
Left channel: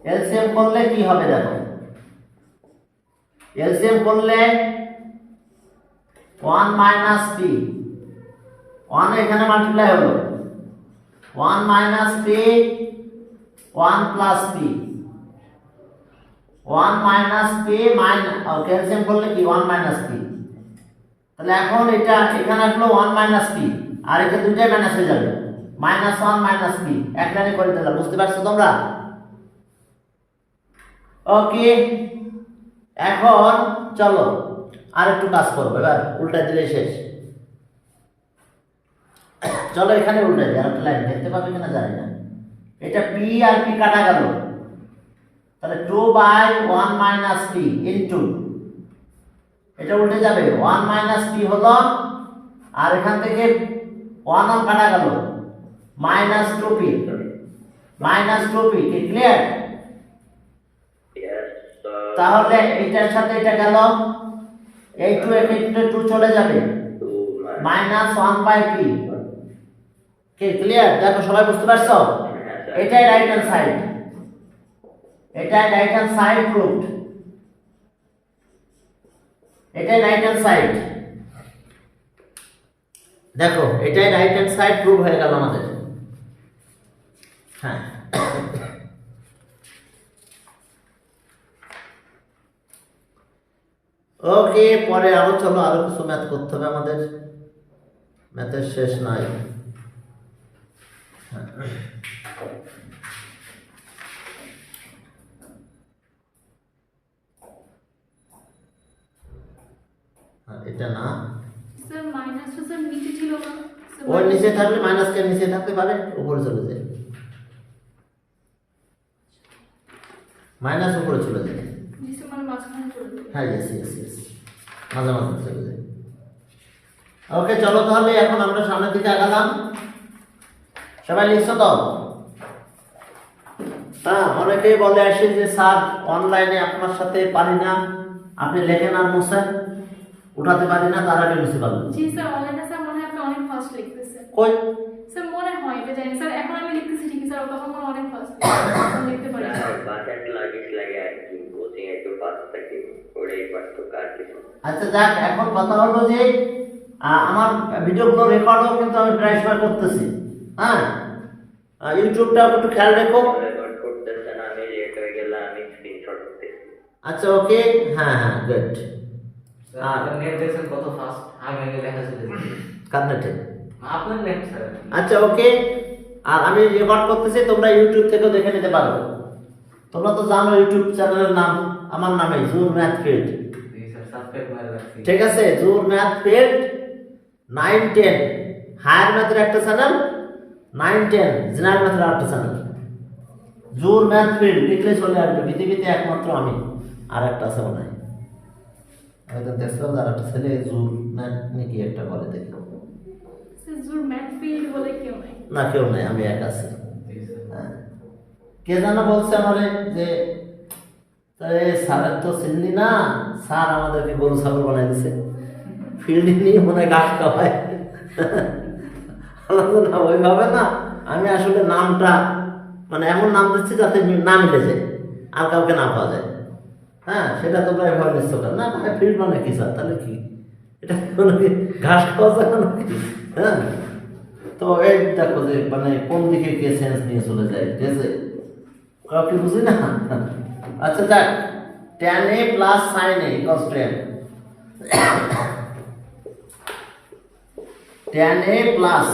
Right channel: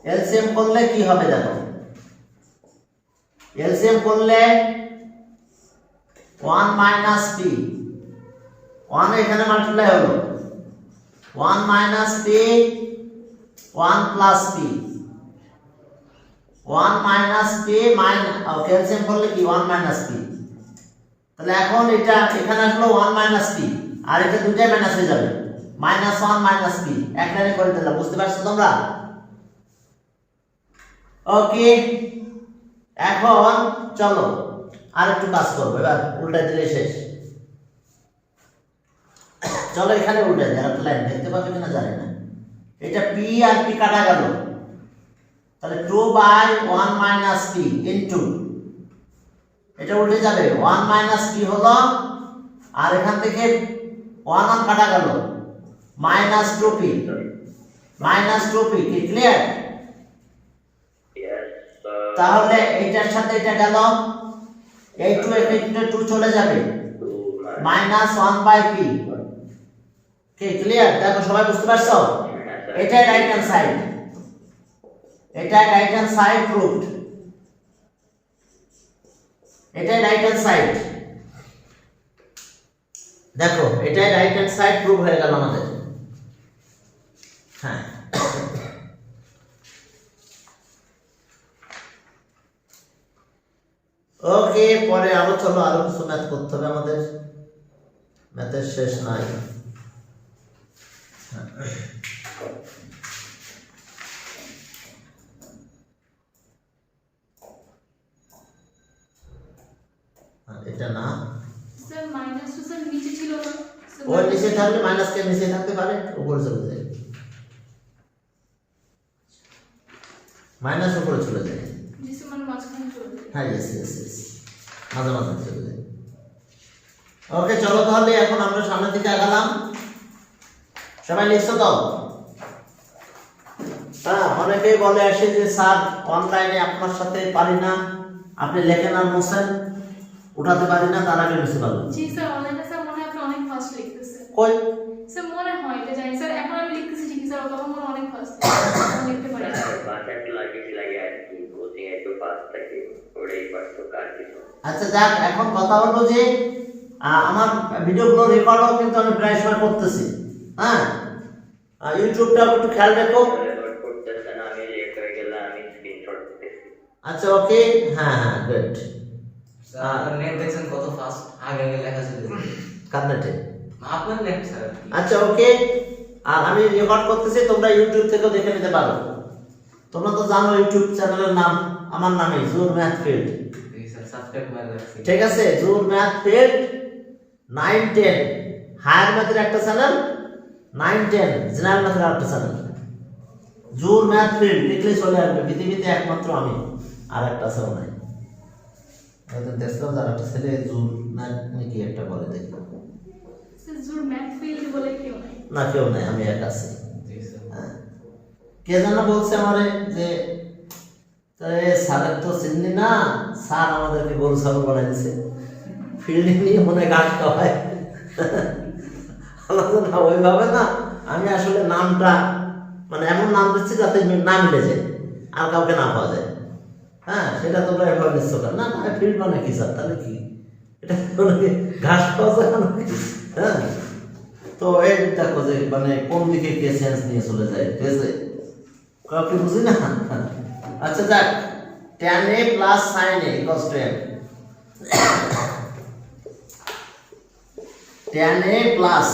এলসিএম করলে কি হবে দেখো এলসিএম করলে 1 মাইনাস পি 1 এখানে মাল্টিপ্লাই হলো 1 minus P 1 plus P 1 minus P minus calcium করলে কি 1 মাইনাস পি তাহলে এখন এটা এখানে আসলো 1 মাইনাস পি আর এটা দুইটাই মাইনাস হয়ে যাবে মাইনাস 1 মাইনাস পি এক লাইনে করে দিলাম বুঝতে পারছো তোমরা ওকে এখন চলো আর একটু কাজ করব এবার উল্টা দিলে শেষ চলো এখানে উল্টা দিই আরেকটা লাইন দেখতে পাবে কিনা জানি না এটা পি আর পি কাটা গেল তাহলে 2 বাই 1 মাইনাস পি ইনটু এটা উল্টে যাবে 1 মাইনাস পি হলো আর এখান থেকে 1 1 কাটা গেল মাইনাস 2p কি ক্লিয়ার তাহলে এইটার সাথে এটা গেল এই 2 এখানে 2 চলে যাবে মাইনাস 1 বাই পি কি ক্লিয়ার দেখো সবাই বুঝতে পারছো এটাই রাইট হ্যান্ড সাইড এটাই রাইট হ্যান্ড সাইড প্রুভড এটাই রাইট হ্যান্ড সাইড দেখো এটাই রাইট হ্যান্ড সাইড প্রুভ হয়ে গেল আমাদের হ্যাঁ ওকে পরে আরো চলো আরো কিছু ম্যাথ করতে হবে আমাদের ম্যাথের শেষ নাই এটা না স্যার মাইনাস তো স্যার নিচে ছিল না ওর নিচে থাকলে মাইনাস কে নিচে থাকতে পারে উপরে চলে যায় মাইনাস উপরে চলে যায় নিচে মানে মাঝখানে চলে যায় হ্যাঁ ইয়েস মাঝে চলে যায় ওকে চলো তাহলে এখন আমরা সামনের দিকে আগালাম সবাই লিখছো তো হ্যাঁ অনেকেই বলে আসে যে স্যার অনলাইনে আপনার সাথে পারি না আপনি লেখেন আর মোছেন উঠাতে পারি না তার আগে মিশে পারবেন জি স্যার অনলাইনে স্যার মনে হয় আপনি অনেক ফাস্ট লিখতেছেন কই স্যার মনে হয় এটা জানি স্যার এখন আমি লিখতেছি ঠিক স্যার তখন মনে অনেক ফাস্ট লিখতে পারি বাকেট লাগে আর কি কোচিং একটু ফাস্ট থাকে ওটাই কষ্ট কাজ আচ্ছা যাক এখন কথা হলো যে আমার ভিডিওগুলো রেকর্ডও কিন্তু আমি প্রায় সময় করতেছি হ্যাঁ ইউটিউবটা একটু খেয়াল রেখো রেকর্ড করতেছেন আমি লেট হয়ে গেলে আমি স্ক্রিনশট করতেছি আচ্ছা ওকে হ্যাঁ গুড আপনার নেট দেখছেন কত ফাস্ট, আগে আগে লেখা চলে যায়। কান্নাটে আপনার নেট স্যার। আচ্ছা ওকে, আর আমি রেকর্ড করতেছি, তোমরা ইউটিউব থেকেও দেখে নিতে পারো। তোমরা তো জানো ইউটিউব চ্যানেলের নাম আমার নামে, জুর ম্যাথ ফিল্ড। জি স্যার, সাবস্ক্রাইব করে রাখছি। ঠিক আছে, জুর ম্যাথ ফিল্ড 9 10 হায়ার ম্যাথের একটা চ্যানেল, 9 10 জেনারেল ম্যাথের একটা চ্যানেল। জুর ম্যাথ ফিল্ড লিখলে চলে আসবে, পৃথিবীতে একমাত্র আমি, আর একটা আছে মনে হয়। একদম দেখলাম যার একটা ছেলে জুর ম্যাথ নাকি একটা বলে, দেখো স্যার জুর ম্যাথ ফিল্ড বলে কেউ নাই। না কেউ নাই, আমি এক আছি। জি স্যার। হ্যাঁ। কে জানা বলছে আমারে যে তারে স্যারের তো চিনলি না, স্যার আমাদেরকে গরু ছাগল বানাই দিছে, ফিল্ডিং নিয়ে মনে ঘাট খাওয়ায়। না ওইভাবে না, আমি আসলে নামটা মানে এমন নাম দিচ্ছি যাতে না মিলে যায় আর কাউকে না পাওয়া যায়। হ্যাঁ, সেটা তোমরা এভাবে নিচ্ছ না, না ফিল্ড মানে কি স্যার, তাহলে কি এটা ঘাস খাওয়া যায় না কি? হ্যাঁ, তো এই দেখো যে মানে কোন দিকে কে সেন্স নিয়ে চলে যায়, ঠিক আছে, কাউকে বুঝি না। আচ্ছা দেখ, tan a plus sin a equals to m, tan a plus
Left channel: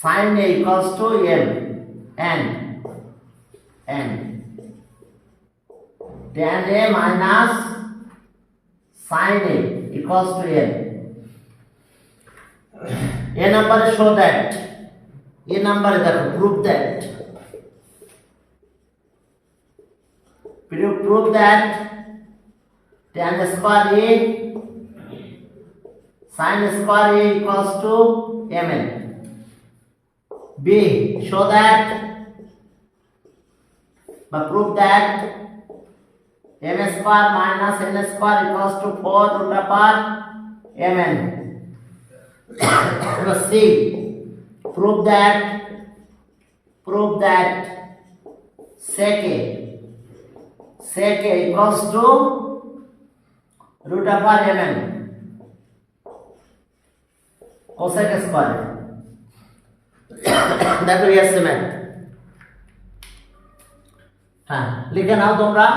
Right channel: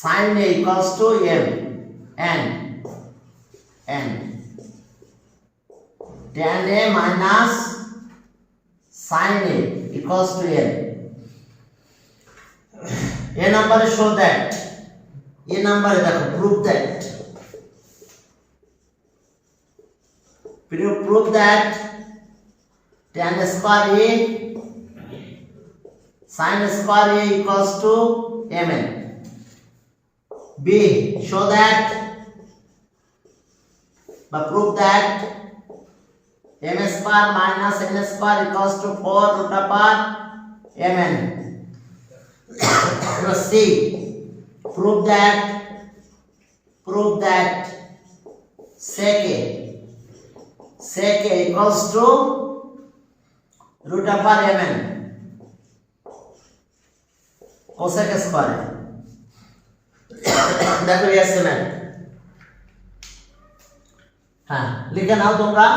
sin a equals to m, and tan a minus sin a equals to n. A number show that, a number দেখো prove that, prove that tan square a sin square a equals to mn. B, show that but prove that m square minus n square equals to 4 root over mn. C, prove that sec a equals to root over mn cosec square. দেখো yes man, হ্যাঁ লিখে নাও তোমরা,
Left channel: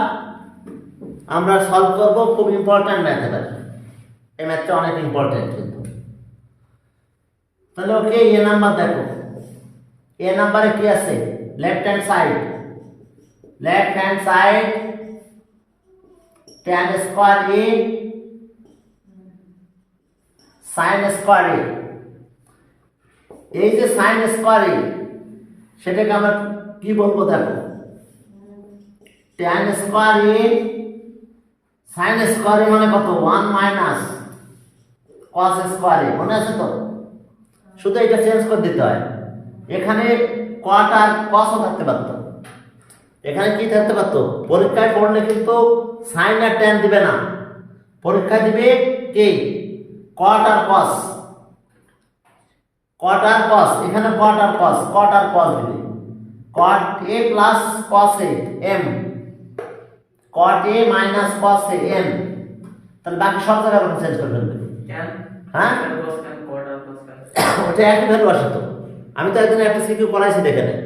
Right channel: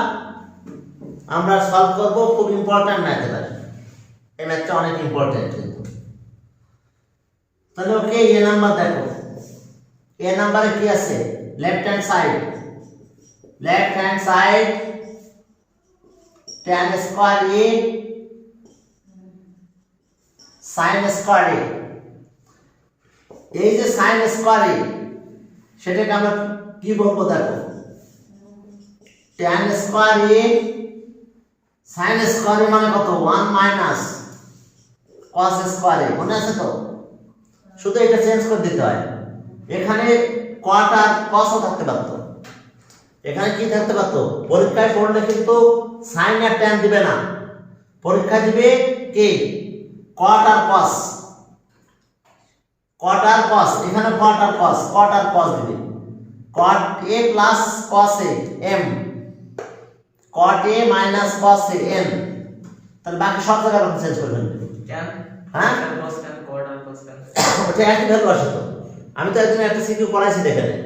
আমরা solve করব। খুব important math এটা, এই ম্যাথটা অনেক ইম্পর্টেন্ট কিন্তু। তাহলে ওকে, এ নাম্বার দেখো, এ নাম্বারে কি আছে, left hand side tan square a sin square a, এই যে sin স্কয়ার a সেটাকে আমরা কি বলবো দেখো, tan square a sin square a মানে কত, 1 মাইনাস cos স্কয়ার a, মনে আছে তো? শুধু এটা চেঞ্জ করে দিতে হয়, এখানে cot আর cos থাকতে পারতো, এখানে কি থাকতে পারতো, পরীক্ষায় পড়লে কিন্তু sin আর tan দিবে না, পরীক্ষা দিবে কি cot আর cos, এখানে cot আর cos দিবে, cot a plus cos a m, cot a minus cos a m, তাহলে বাকি সব জায়গায় চেঞ্জ করে দেবেন। কেন? হ্যাঁ, cos কেন, cot আর cos কেন? এটা একই ভ্যালু আসে তো। আমি তো একদিন একটা সিকিউ করাইছি, দেখে নেন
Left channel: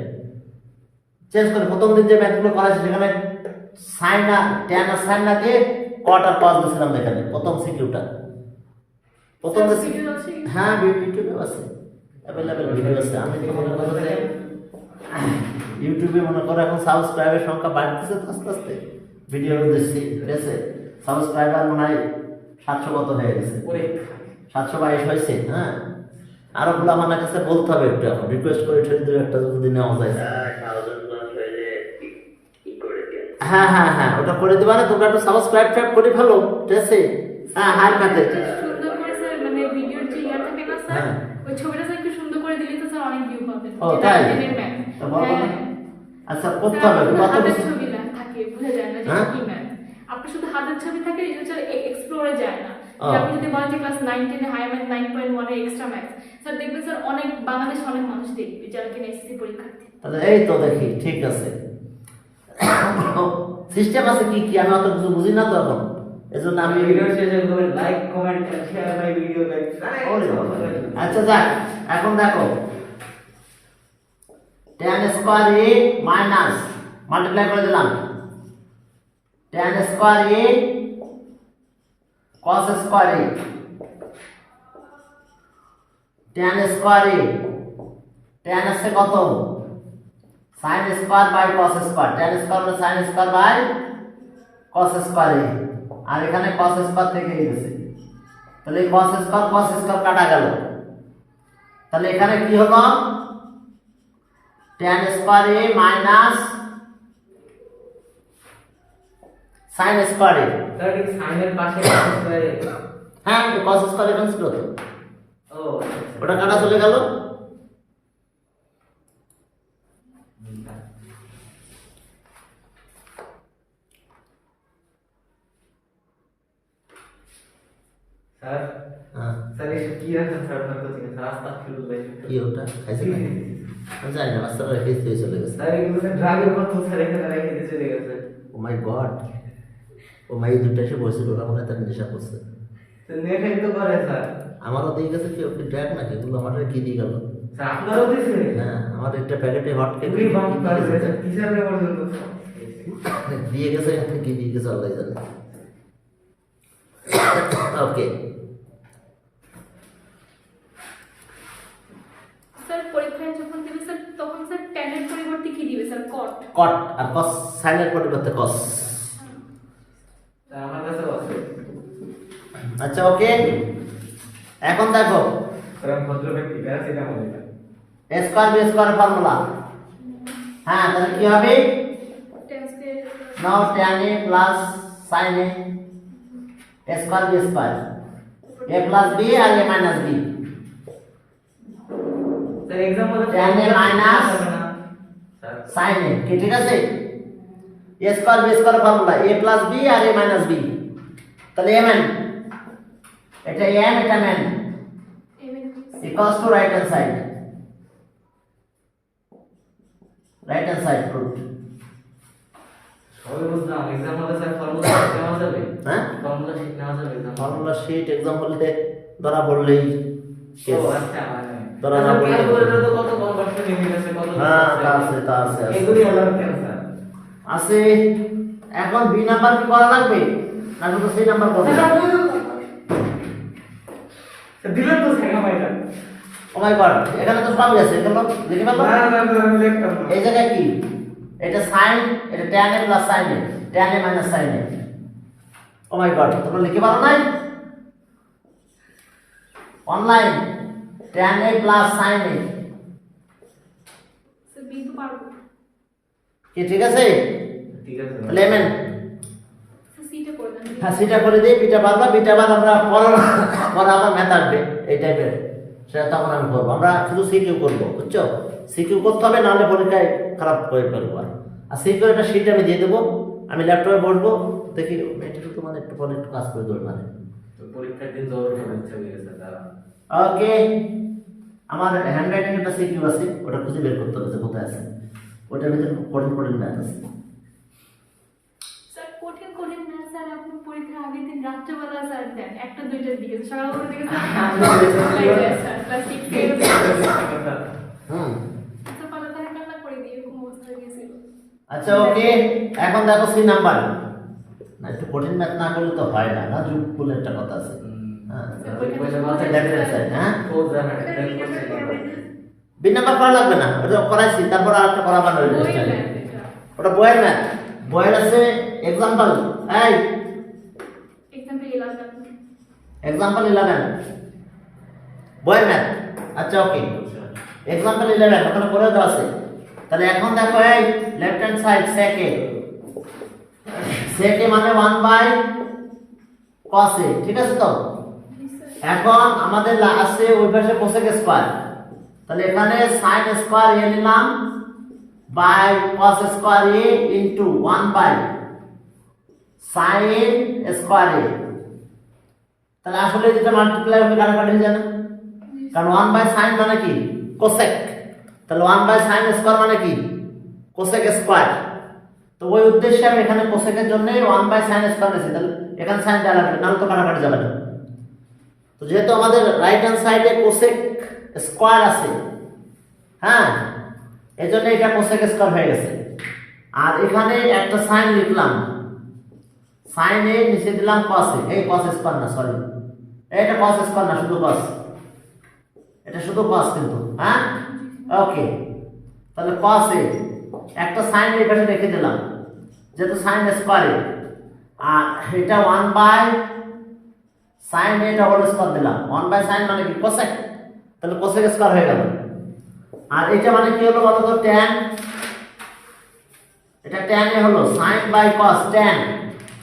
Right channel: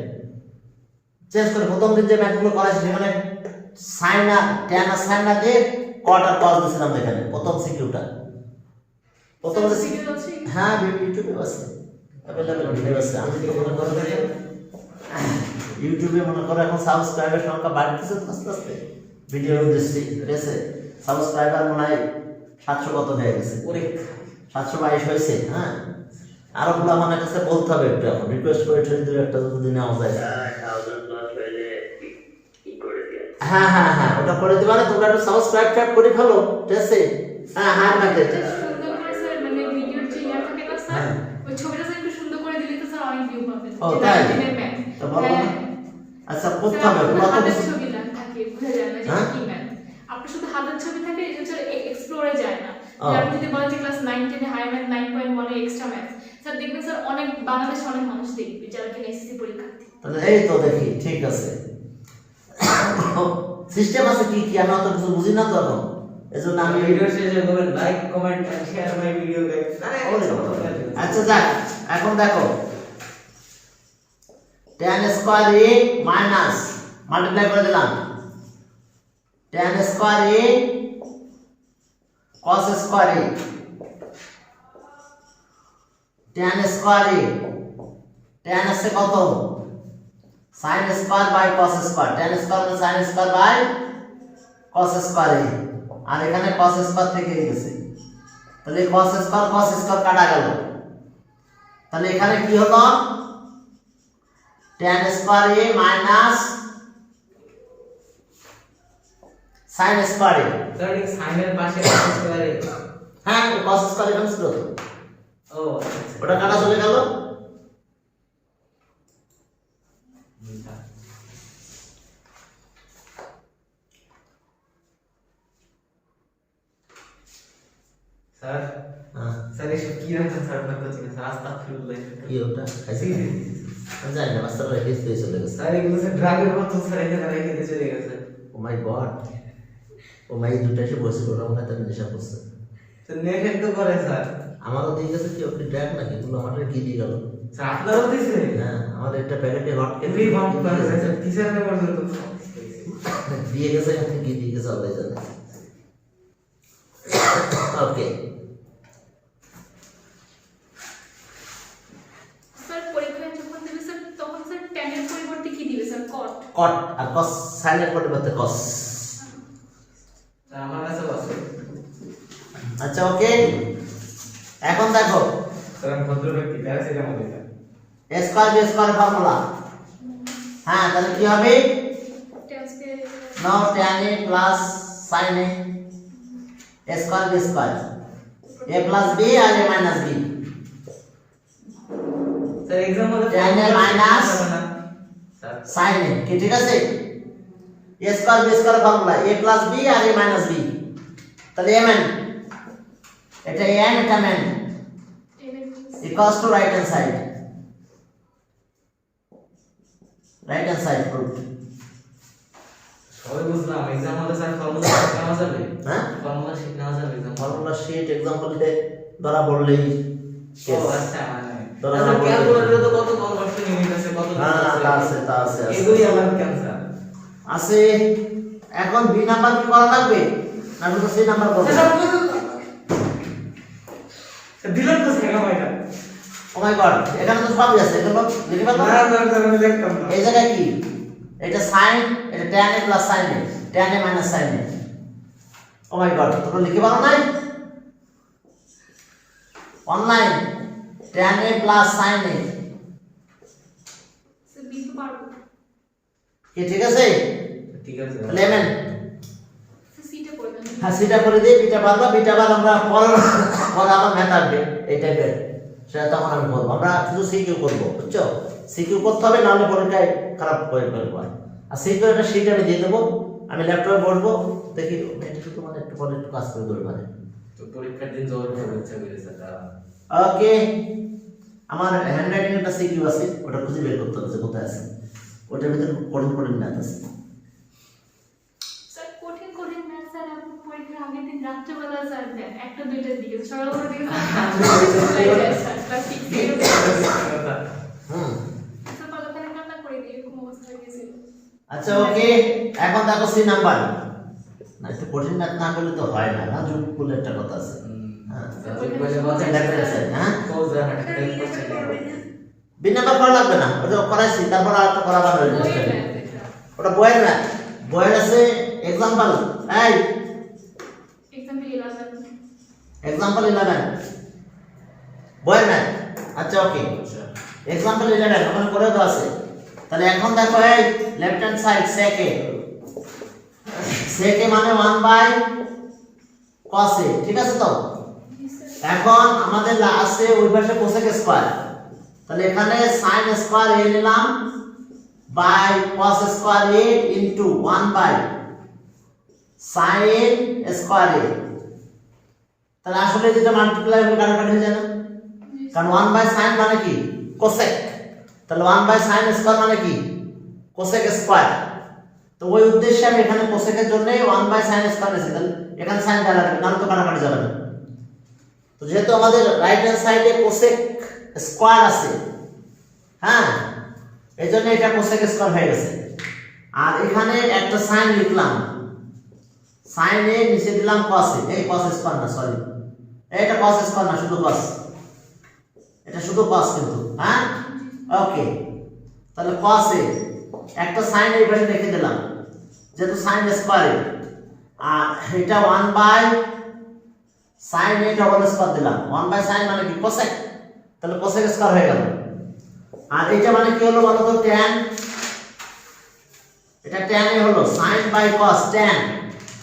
চেঞ্জ করে, প্রথম দিন যে ম্যাথগুলো করাইছি সেখানে সাইন আর ট্যান আর সাইন না দিয়ে কট আর কস দিয়েছিলাম, দেখে নেন প্রথম সিকিউটা, প্রথম স্যার সিকিউর আছে? হ্যাঁ ইউটিউবে আছে, অ্যাভেলেবল ভিডিও আছে। আমি তো মনে করি ইউটিউবে মনে করো এখন সাবস্ক্রাইবার সংখ্যা বাড়তেছে আস্তে আস্তে, ভিডিও দিচ্ছি, ঠিক আছে, সাবস্ক্রাইবার মনে হয় 700 কত হয়ে গেছে, 722 হয়েছে। হ্যাঁ, আরো গুলো আমার কাছে বলতে হবে, একটু এখন রিকোয়েস্ট করে একটা যদি নেওয়া যায়। 1000 প্লাস হলে কি করে দেন? হ্যাঁ ওটা করে দিবা না, তোমরা একটু সাবস্ক্রাইব করে ফেলো, ঠিক আছে? হ্যাঁ ম্যাথে সুন্দর করে স্যার মানে ভিডিওর যে ইয়া থাকে না স্যার, হ্যাঁ। ওই ছবিটা স্যার একটু সুন্দর করে দিলে তো স্যার অনেক ভিউ পাবে। ও, তাই? ম্যাথ তা বলো না। আচ্ছা করতে হবে, আপনার কত হাতের বেশি ছবি না থাকে, বুঝা যায় না যে হ্যাঁ? কি ম্যাথ। আপনার শুধু হাতের ছবি থাকে, এই যে স্যার এক্সপ্লোরে যায় না। ও। যে আপনি যদি বলেন যে ক্লাস 9 10 এ হাই ম্যাথ 9.1 এর এক্সট্রা ম্যাথ, স্যার দেখবেন স্যার অনেক বাংলাদেশ অনেক মানুষ দেখবে যারা কিনা এসএসসি পরীক্ষার্থী। তাহলে এই তো দেখি, ঠিক আছে। সিস্টেম আছে কি কি আমি অত কিছু বুঝি না তো এখন, এজন্য আমি ভিডিও শেষে বলবেন like comment and share my video guys. আচ্ছা যাক, এখন দেখো tan square a minus multiply করে দিলাম tan square a cos square a tan square a tan আছে কত sin square by cos square tan square মানে sin square by cos square a আর এখানে cos স্কয়ার থেকে গেছে তাহলে cos স্কয়ার কাটা গেল তাহলে এখানে কি হলো tan square a minus sin square a sir এই সাইনের পাশে cos স্কয়ার এ হ্যাঁ cos স্কয়ার এখানে ছিল তো ও ওটা কাটা চলে গেল স্যার স্যার এসব কি রাখছেন স্যার আপনার কোচিং স্যার আস্তাগফিরুল্লাহ কি ওটা খাইছে আমি জানি না রাস্তাটা হেস হয়ে চলে গেছে স্যার এগুলো স্যার ড্রাগের মতো স্যার এখানে রেখে দিয়ে চলে গেছে ও মাই গড ও মাই দুটো এসে বসে ওটা মনে হয় তার নেশা করছে তো নেখেন তো করে স্যার আমারও দিয়ে গেছে কি ওকে ড্রাগ না কিন্তু আমাদের কি দিয়ে গেল স্যার আপনারও দিয়েছে হ্যাঁ আমাদের একটা প্যাকেটে হট কেক উনি বাম করে স্যার টিচারে পর্যন্ত দিয়ে গেছে আপনি কি দিয়ে গেছে আল্লাহ জানে ওকে স্যার পরীক্ষায় যখন দিবে স্যার তখন স্যার tan এর পরিবর্তে কি দিবে স্যার cot কট আর কস সাইনের পরিবর্তে কস স্যার আমার কাছে আছে আচ্ছা ওকে এখন দেখো স্যার আমি ভদ্র ব্যক্তি প্যারাসিটামল এটা a square b square formula হ্যাঁ তাহলে কি হবে tan square নাও tan a plus sin a square b square a plus b আর a minus b sir exam হলে tan a minus sir sin a ঠিক আছে a square b square formula a plus b আর a minus b তাহলে mn এটা n এটা mn equals to right hand side proof সবাই বুঝলাম exam হলে স্যার ফর্মুলা শেখানো যাবে হ্যাঁ ফর্মুলা শেখানো যাবে एग्जाम ফর্মুলা শীট এক্সাম্পলতে ধরা পড়লেই ও আচ্ছা মানে ধরা স্যার পড়লেই ক্যালকুলেটরে তো কত কনভার্সন ইউনিট আছে কত হ্যাঁ তা আছে এগুলি আবার কেন স্যার আছে এখন বি নাম্বার কি করা লাগবে না শুধু সি নাম্বার করব স্যার দিলেন তো শেখা পাইটা ও মাই গড এখানে তো সবই আছে এগুলো লিখে পারবো না স্যার আমি দেখতাম না এই জায়গায় কি এটা sin এটা tan a plus sin a tan a minus sin a oh my God তোমরা লিখে পারো নাই online tan a plus sin a sir দিতে পারবো কি ঠিক আছে ঠিক আছে লেমন স্যার সিটা করবেন হ্যাঁ সেটা করে দিই বিটা বাদ বিটা বাদ আমরা পরে আবার ম্যাথ আসবে এই টাইপের সেটা তখন আমি করবো আমরা শুধু সিকিউ করবো বুঝছো সিকিউ করতে হবে নাহলে পরীক্ষায় খারাপ করে ফেলবো আর সিকিউ একটা সিট আমি দিয়ে দেবো আমি ল্যাপটপে বসবো দেখি এটা শুধু মানে একটু পরে একটু কাজ করে দেবো মানে তো পরীক্ষার দিন জোর শুভেচ্ছা করে স্যার দাঁড়ান ওকে আমার হ্যান্ড রাইটিং একটা সিকিউ আছে ওটা খুঁজে বের করতে হবে যে কোথায় আছে ওটার ভিতরে কঠিন ম্যাথ আছে স্যার কঠিন না স্যার আপনি পরীক্ষার আগের দিন রাত্রেবেলা স্যার দেন একটা দুইটার দিকে সকালবেলা দিকে স্যার ক্লাস 6 এর হুম স্যার পালাপালি কান্না করে দিয়ে এরকম অবস্থা হয়ে গেছিল আচ্ছা ওকে এখন দেখো সি নাম্বার না একটু কঠিন ম্যাথ না করলে তো হয় না না যুগ বলে একটা কথা আছে হ্যাঁ হ্যাঁ বি নাম্বার করা লাগবে না ওটা করাইছি তারপর আর একটা করা বানাবো ওটা বইয়ের ম্যাথ বইয়ের আছে এক্সাম্পল এই এক্সাম্পল 11 বইয়ের ম্যাথ আচ্ছা ওকে এক্সাম্পল 11 ওখানে করে দেওয়া আছে তাহলে এখন দেখো এই লেফট হ্যান্ড সাইড সেকে মানে 1 বাই cos a ঠিক আছে তো এখন আমাদের আছে ওই পাশে cosec স্কয়ার তাহলে এখানে sin স্কয়ার a নিলাম by cos square a into 1 by sin square a তাহলে আসলে যেটা মাল্টিপ্লাই হবে কাটাকাটি হয়ে যায় না কারণ 1 বাই sin মানে কি cosec তাহলে 1 বাই sin স্কয়ার মানে কি cosec স্কয়ার তো ওই উদ্দেশ্যে আমি এখানে cosec এর জন্য 1 বাই sin স্কয়ার নিয়েছি তাহলে এখানে sin দেওয়া লাগবে না তো কাটাকাটি যাবে না তো যেহেতু আমাদের রাইট হ্যান্ড সাইডে cosec স্কয়ার আছে হ্যাঁ এজন্য এটা cosec স্কয়ার হয়ে গেছে আর এখানে একটা sin লিখলাম sin a নিচে দিলাম cos a, এই cos স্কয়ার না সরি, এটা cos স্কয়ার না, শুধু cos, এটা শুধু cos কিন্তু, হ্যাঁ ওকে। তাহলে cos a একটা sin a এখানে রেখে দিলাম যেহেতু sin স্কয়ার a, আর এটা 1 by sin a double square দিলাম, 1 বাই sin মানে কি cosec, তাহলে cosec স্কয়ার হয়ে গেল। আর এটা মানে কি হলো বলো তো, tan, এটা tan a হলো sin বাই cos tan,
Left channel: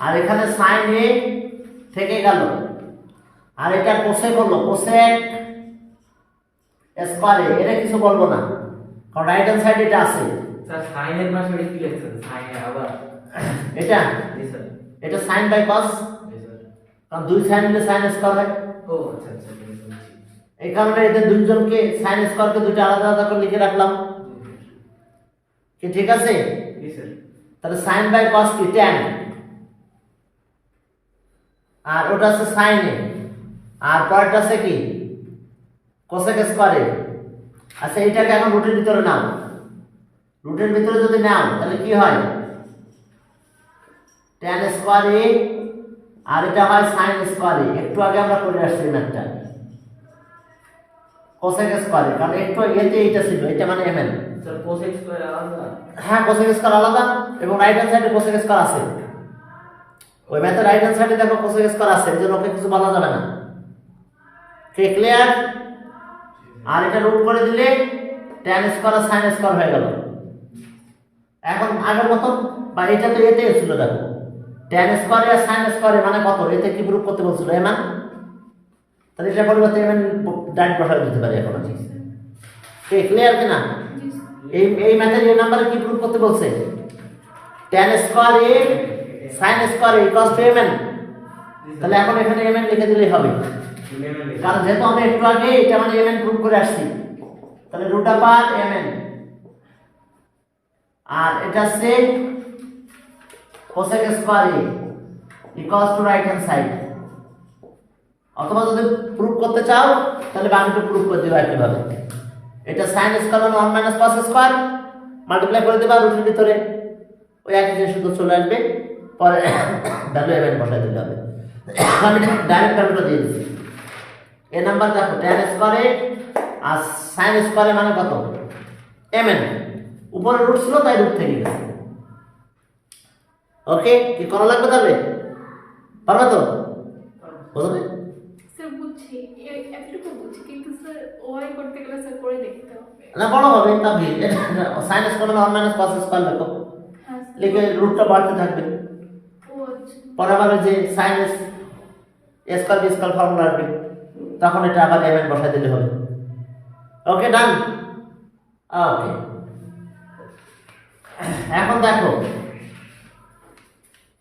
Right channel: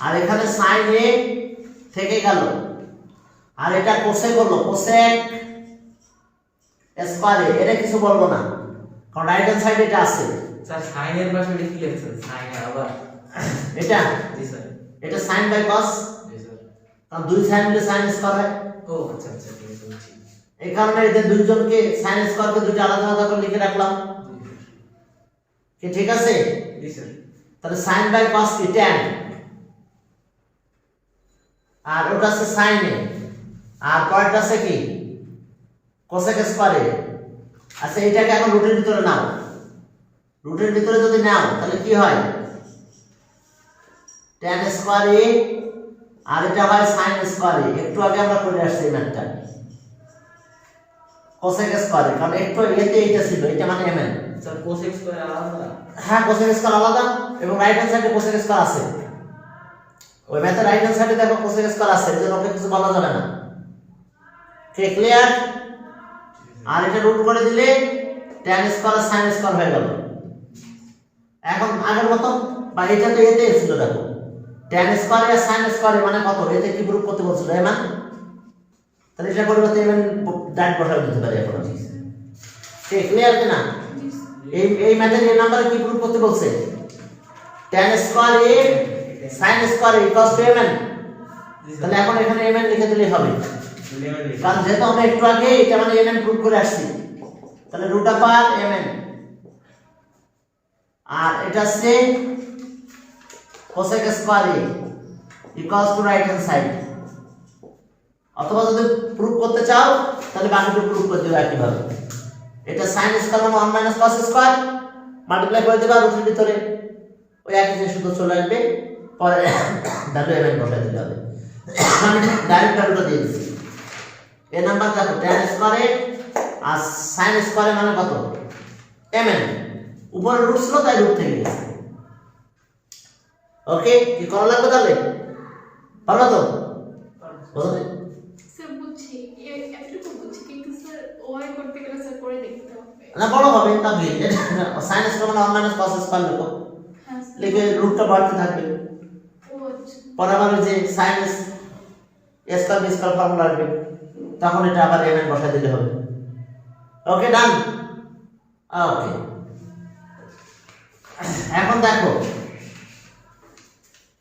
আর এখানে sin a থেকে গেল, আর এটা cosec হলো cosec স্কয়ার a, এটা কিছু বলবো না কারণ রাইট হ্যান্ড সাইড এটা আছে। স্যার সাইন এর পাশে এটা কি লিখছেন, সাইন এ আবার এটা জি স্যার, এটা sin বাই cos, জি স্যার। কারণ দুই sin মিলে sin স্কয়ার হয়, ও আচ্ছা আচ্ছা বুঝছি। এই কারণে এদের দুইজনকে sin স্কয়ারকে দুটো আলাদা আলাদা করে লিখে রাখলাম, কি ঠিক আছে? জি স্যার। তাহলে sin বাই cos কি tan, আর ওটা আছে sin a, আর পরেরটা আছে কি cosec স্কয়ার a। আচ্ছা এটাকে এখন রুটের ভিতরে নাও, রুটের ভিতরে যদি নাও তাহলে কি হয়, tan স্কয়ার a, আর এটা হয় sin স্কয়ার a। একটু আগে আমরা করে আসছি ম্যাথটা cosec স্কয়ার a, কারণ একটু এতে এটা ছিল, এটা মানে mn। স্যার কোসেক স্কয়ার আলাদা, হ্যাঁ cosec স্কয়ার আলাদা, এবং রাইট হ্যান্ড সাইডে cosec স্কয়ার আছে, ওই ম্যাথে রাইট হ্যান্ড সাইডে দেখো cosec স্কয়ার আছে, এর জন্য ওকে কিছু বলা যাবে না, ঠিক ক্লিয়ার? আর এটা রুট করে দিলে tan স্কয়ার আর sin স্কয়ার হয়ে গেল। এখন আগের মতো, বা এটা তো এতে ছিল দেখো, tan স্কয়ার আর sin স্কয়ার মানে কত, এতে কি প্রুফ করতে বলছিল না, তাহলে এটা পরিবর্তে এমন ডাইরেক্ট বসাই দিতে পারি এখন, ঠিক ক্লিয়ার কিনা? এই ম্যাথের এই নাম্বারে কি প্রুফ করতে বলছে, tan square a sin square equals two mn, তাহলে এখন এখানে mn লিখে দিলেই হবে, কারণ যেহেতু আমরা একটু আগে এটা মানে mn প্রুফ করে আসছি, তাহলে রুট আপার mn, আর এটা আছে cosec square a equals to right hand side. অথবা যদি প্রুফ করতে চাও তাহলে বাকিটা প্রুফ করে দিও একইভাবে, এটা sin স্কয়ার মানে 1 মাইনাস cos স্কয়ার মাল্টিপ্লাই করে দিবা রুটের ভিতরে, ওই একই জিনিস শুধু চলে আসবে, পরে ভ্যালু mn বসাই দিলে হবে। আমি ডাইরেক্ট ভ্যালুটা দিয়ে দিচ্ছি, এই নাম্বার দেখো tan স্কয়ার a আর sin স্কয়ার a মানে কত mn, উপরে রুট ছিল তাই রুট থেকে গেছে। ওকে, কি করা লাগবে তাহলে, পারবে তো? বুঝলে? স্যার বুঝছি, এতটুকু বুঝছি, কিন্তু স্যার ওয়াই করতে গেলে স্যার করে দেখতে হবে। না বড় হবে তবে sin স্কয়ার মানে 1 মাইনাস cos স্কয়ার লেখো, হ্যাঁ স্যার। লিখে রুটটা বাড়তে থাকবে, ও আচ্ছা। পরে আবার যে sin square B square formula আসবে, তখন এটা আবার mn বসাই দিলে হবে। ওকে ডান, ওকে। এখন দেখো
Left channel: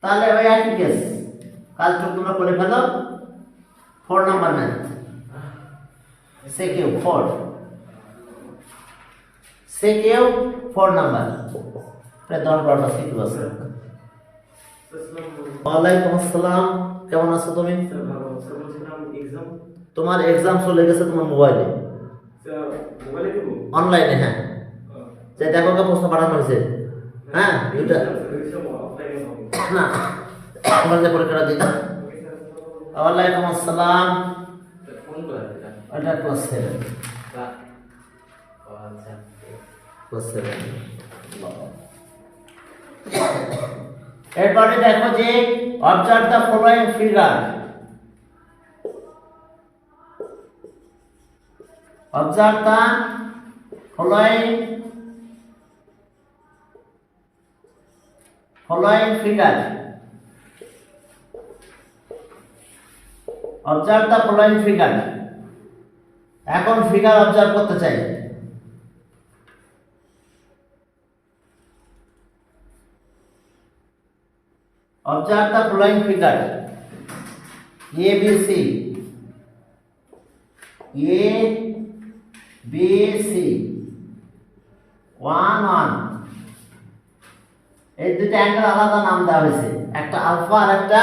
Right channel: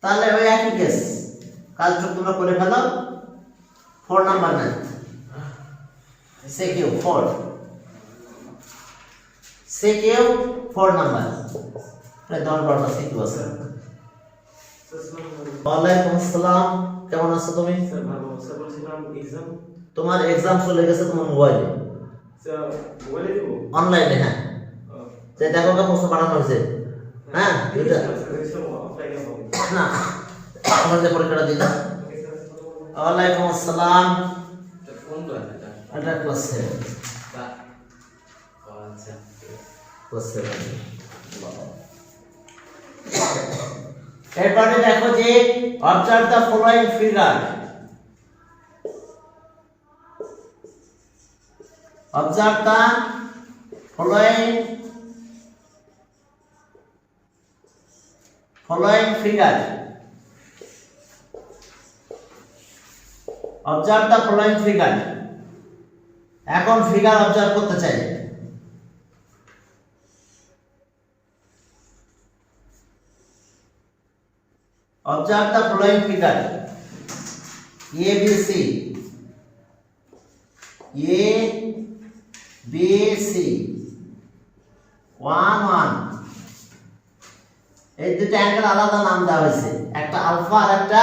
তাহলে ওই একই কেস, কাজটা তোমরা করে ফেলো। 4 নাম্বার নাই, সেকিউ 4, সেকিউ 4 নাম্বার, প্রায় 10-12টা সেকিউ আছে। ওয়ালাইকুম আসসালাম, কেমন আছো তুমি? স্যার ভালো, স্যার বলছিলাম এক্সাম, তোমার এক্সাম চলে গেছে তোমার মোবাইলে, স্যার মোবাইলে দেব, অনলাইনে, হ্যাঁ যে দেখো কে প্রশ্ন পাঠানো হয়েছে, হ্যাঁ এটা অফলাইনে হবে না আমাদের পরীক্ষাটা দিলাম। ওয়ালাইকুম আসসালাম, কোন ক্লাস এটা? এটা ক্লাস 7, আচ্ছা ক্লাস 7। এরপরে দেখো যে observe the following figure, observe the following figure, observe the following figure. এখন ফিগার অবজার্ভ করতে চাই, observe the following figure, A B C, A B C, 1 1, এই দুটো অ্যাঙ্গেল আলাদা নাম দেওয়া হয়েছে, একটা আলফা আর একটা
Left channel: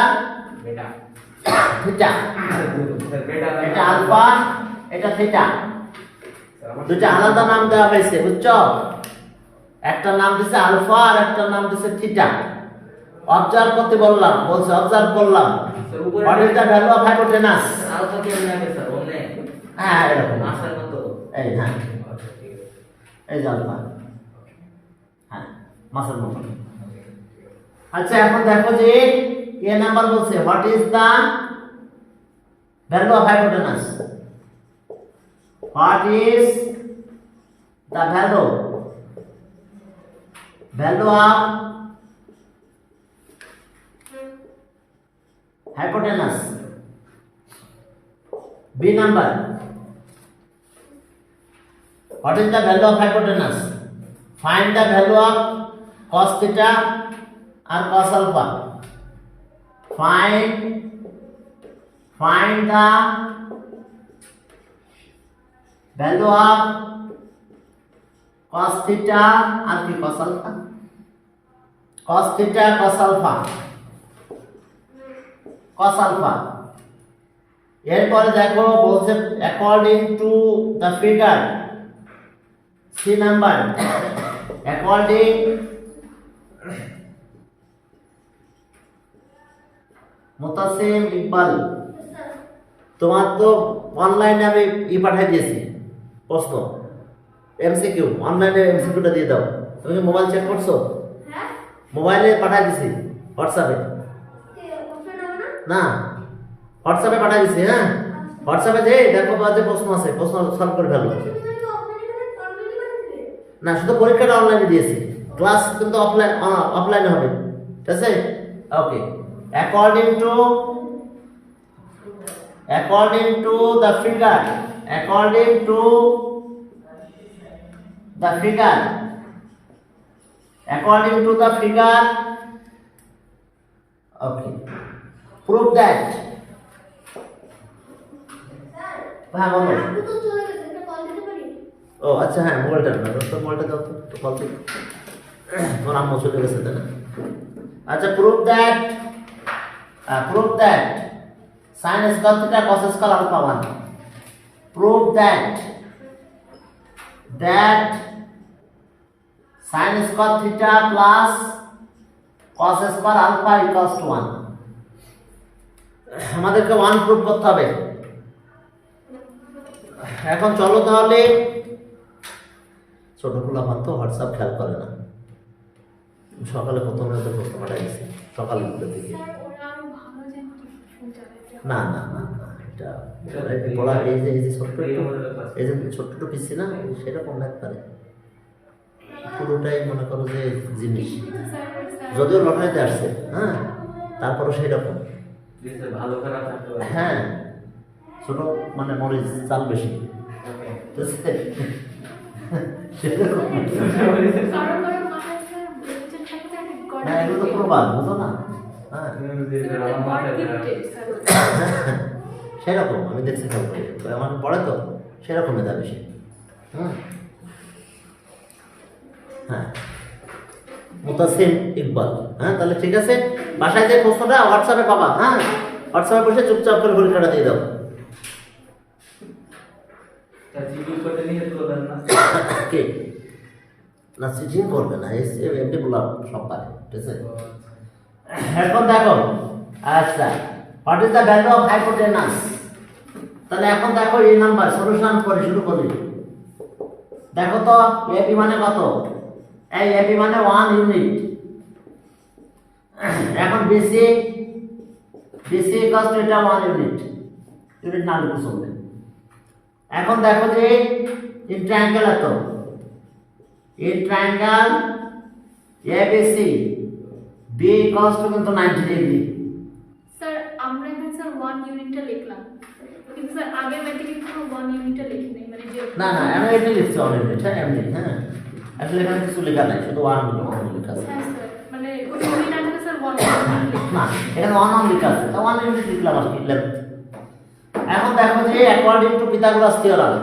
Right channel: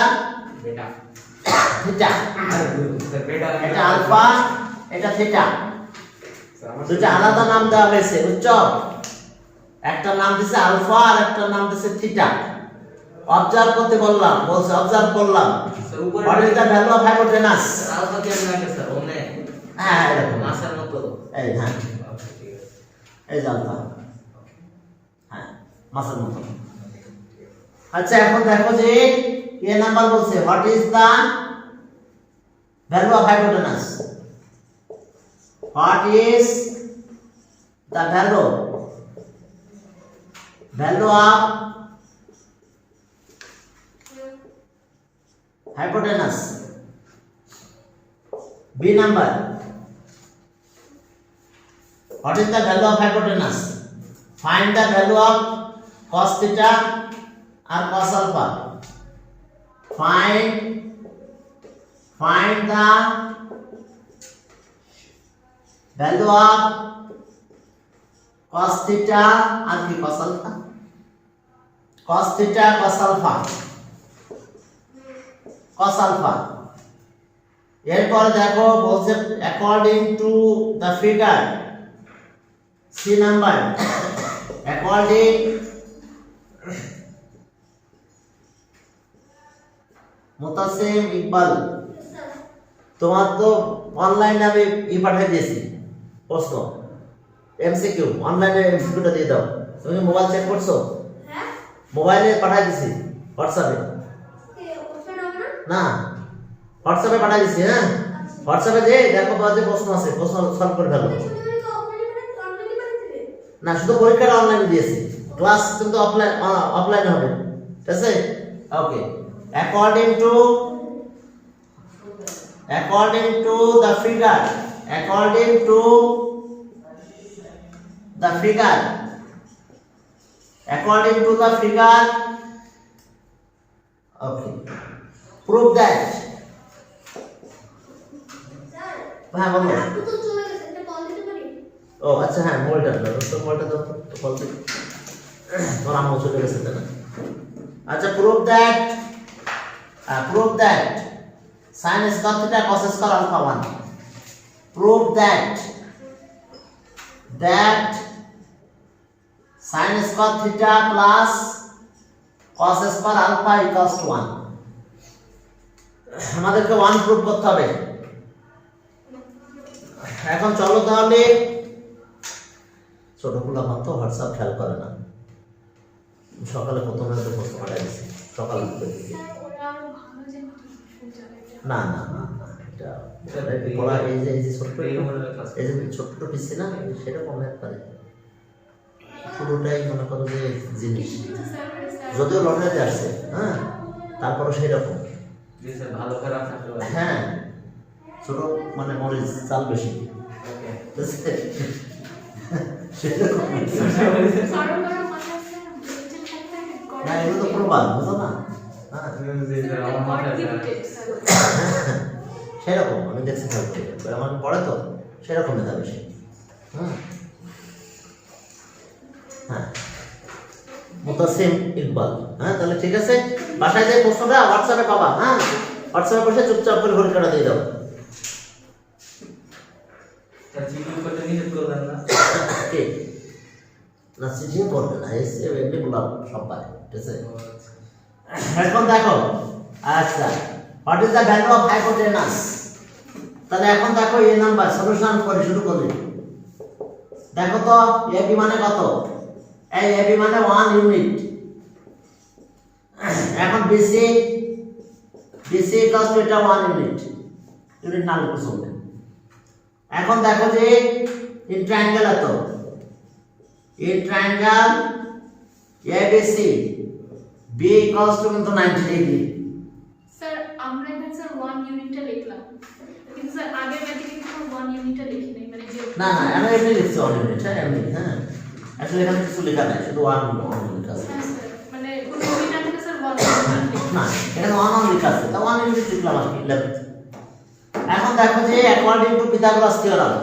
বেটা, থিটা, স্যার বেটা এটা আলফা এটা থিটা, দুটো আলাদা নাম দেওয়া হয়েছে বুঝছো, একটা নাম দিছে আলফা আর একটা নাম দিছে থিটা। অবজার্ভ করতে বললাম, বলছে অবজার্ভ করলাম। স্যার উপরে what is the value of hypotenuse? Alpha কেমন আগে স্যার ওনে হ্যাঁ এরকম মাসের মতো এই হ্যাঁ আচ্ছা ঠিক আছে এই যে আলফা, হ্যাঁ মাসের মতো। আচ্ছা এখন দেখো যে এ নাম্বার বলছে what is the value of hypotenuse? What is the value of hypotenuse? B number. What is the value of hypotenuse? Find the value of cos theta or cos alpha. Find the value of cos theta or cos alpha. Cos theta, cos alpha. cos alpha এরপর দেখো বলছে according to the figure C number according Mutasim Iqbal তোমার তো অনলাইনে আমি পাঠিয়ে দিয়েছি প্রশ্ন এমসিকিউ অনলাইনে এমসিকিউটা দিয়ে দাও তুমি মোবাইল চেক করছো হ্যাঁ মোবাইলে পাঠিয়ে দিয়েছি হোয়াটসঅ্যাপে না হোয়াটসঅ্যাপে পাঠিয়ে দিছি। হ্যাঁ হোয়াটসঅ্যাপে যে দেখো বাজে প্রশ্ন আছে, প্রশ্ন সলভ করে ফেলো। না শুধু পরীক্ষাটা অনলাইনে দিয়েছি, ক্লাস কিন্তু অফলাইনে হবে, ঠিক আছে? Okay according to the figure okay prove that হ্যাঁ বলো। ও আচ্ছা হ্যাঁ মোবাইলটা দাও তো, মোবাইলটা দাও তো কল দিই ওর আম্মু চলে গেছে না। আচ্ছা prove that sin square theta cos square alpha 1 prove that sin square theta plus cos square alpha equals to 1 আমাদেরকে 1 প্রুভ করতে হবে। এখন চলো তাহলে ছোট পোলা মাত্র হোয়াটসঅ্যাপ খেয়াল করে না, সকালে প্রথমে প্রশ্ন পাঠাই দিয়েছি সকালে স্যার ওরা আরো ভালো জানে না না না না এটা পড়া এই যে ছোট্ট পিসি না সেটা মনে পারে পুরোটাই মনে করো যে জিনিস যদিও লটারিতে আসছে হ্যাঁ তারপরে সেরকম ভালো খারাপ থাকতে পারে হ্যাঁ ছোট মানে মরিচ চাল বেশি সেরকম না এগুলো তো প্রবাদ বুঝো না হ্যাঁ সেরকম আমি দেখছি আমার পড়ে তো সেরকম মেধা বেশি হ্যাঁ মুতাসিম ইকবাল। হ্যাঁ তাহলে ঠিক আছে, বাসায় যে প্রশ্নটা হোয়াটসঅ্যাপে পাবা, হ্যাঁ হোয়াটসঅ্যাপে বসে চুপচাপ করে পরীক্ষাটা দিয়ে দাও। কে না চিঠি করবে না এমনি বলা সব পারে, ঠিক আছে? এখন দেখো আচ্ছা what is the value of hypotenuse? তাহলে এখন দেখো এই নাম্বার সলিউশন করে শুরু করি। দেখো তো এবি মানে কত? এই এবি মানে 1 ইউনিট। এখন বিসি ইকুয়াল টু এটা 1 ইউনিট না লিখে চলবে। এখন দেখো যে ইন ট্রায়াঙ্গেল এত in triangle ABC B equal to কিন্তু 90 ডিগ্রি। স্যার আমরা এখানে স্যার 1 ইউনিটটা লিখলাম কিন্তু স্যার আগে ম্যাথে কিন্তু 1 ইউনিটটা লিখি নাই, মানে যে না না আমি এমনি লিখছি 1 ইউনিট, এমনি হ্যাঁ আসলে এখানে কিছু লেখা নাই, শুধু 1 ইউনিট লেখা আছে। হ্যাঁ স্যার মানে কোন ইউনিট আছে স্যার 1 ইউনিট না এখানে 1 নাম লেখা আছে, তা 1 ইউনিট লিখলাম আর কি লিখলাম। এখন দেখো যে according to Pythagoras theorem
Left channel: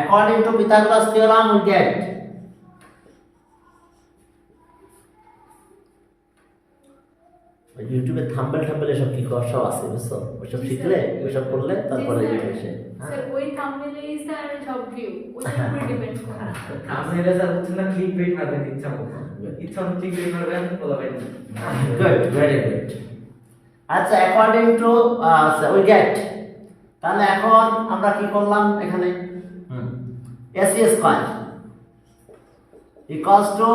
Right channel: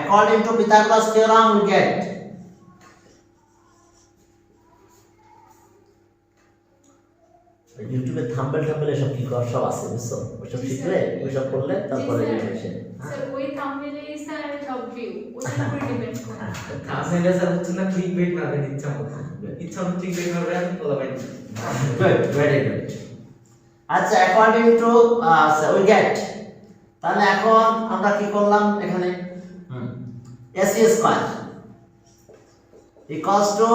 according to Pythagoras theorem we get ইউটিউবে থাম্বেল থাম্বেল এসব কি কর সব আছে বুঝছো, ওইসব শিখলে ওইসব করলে তারপরে রিভিশন। স্যার ওই থাম্বনেলেই স্যার সব ভিউ ওইটার উপর ডিপেন্ড করে। আপনারা স্যার হচ্ছে না ক্লিক বেট মারবেন ইচ্ছা মতো ক্লিক বেট মারবেন বলবেন গুড, ভেরি গুড। আচ্ছা, অ্যাকর্ডিং টু উই গেট, তাহলে এখন আমরা কি করলাম এখানে, AC square equals to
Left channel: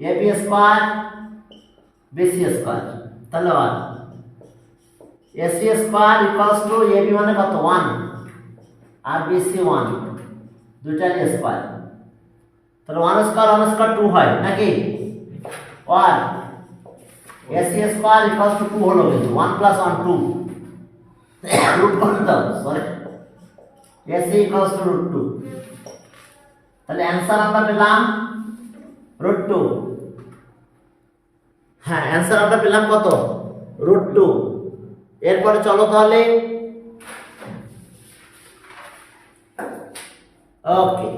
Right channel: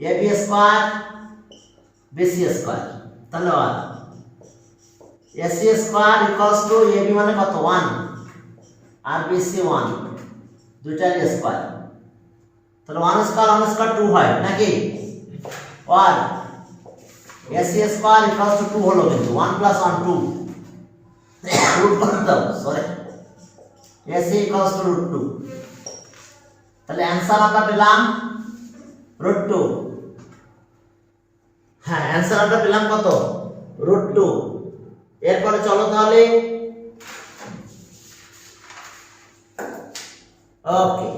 AB square BC square, তাহলে 1 AC square equals to AB মানে কত 1 আর বিসি 1, দুইটার স্কয়ার, তাহলে 1 স্কয়ার 2 হয় নাকি, 1 এসি স্কয়ার ইকুয়ালস টু 2 হলো, কিন্তু 1 প্লাস 1 2 রুট করে দাও, sorry AC equals to root 2, তাহলে অ্যানসার আমরা পেলাম রুট 2। হ্যাঁ, অ্যানসার আমরা পেলাম কত, রুট 2। এরপরে চলো তাহলে, ওকে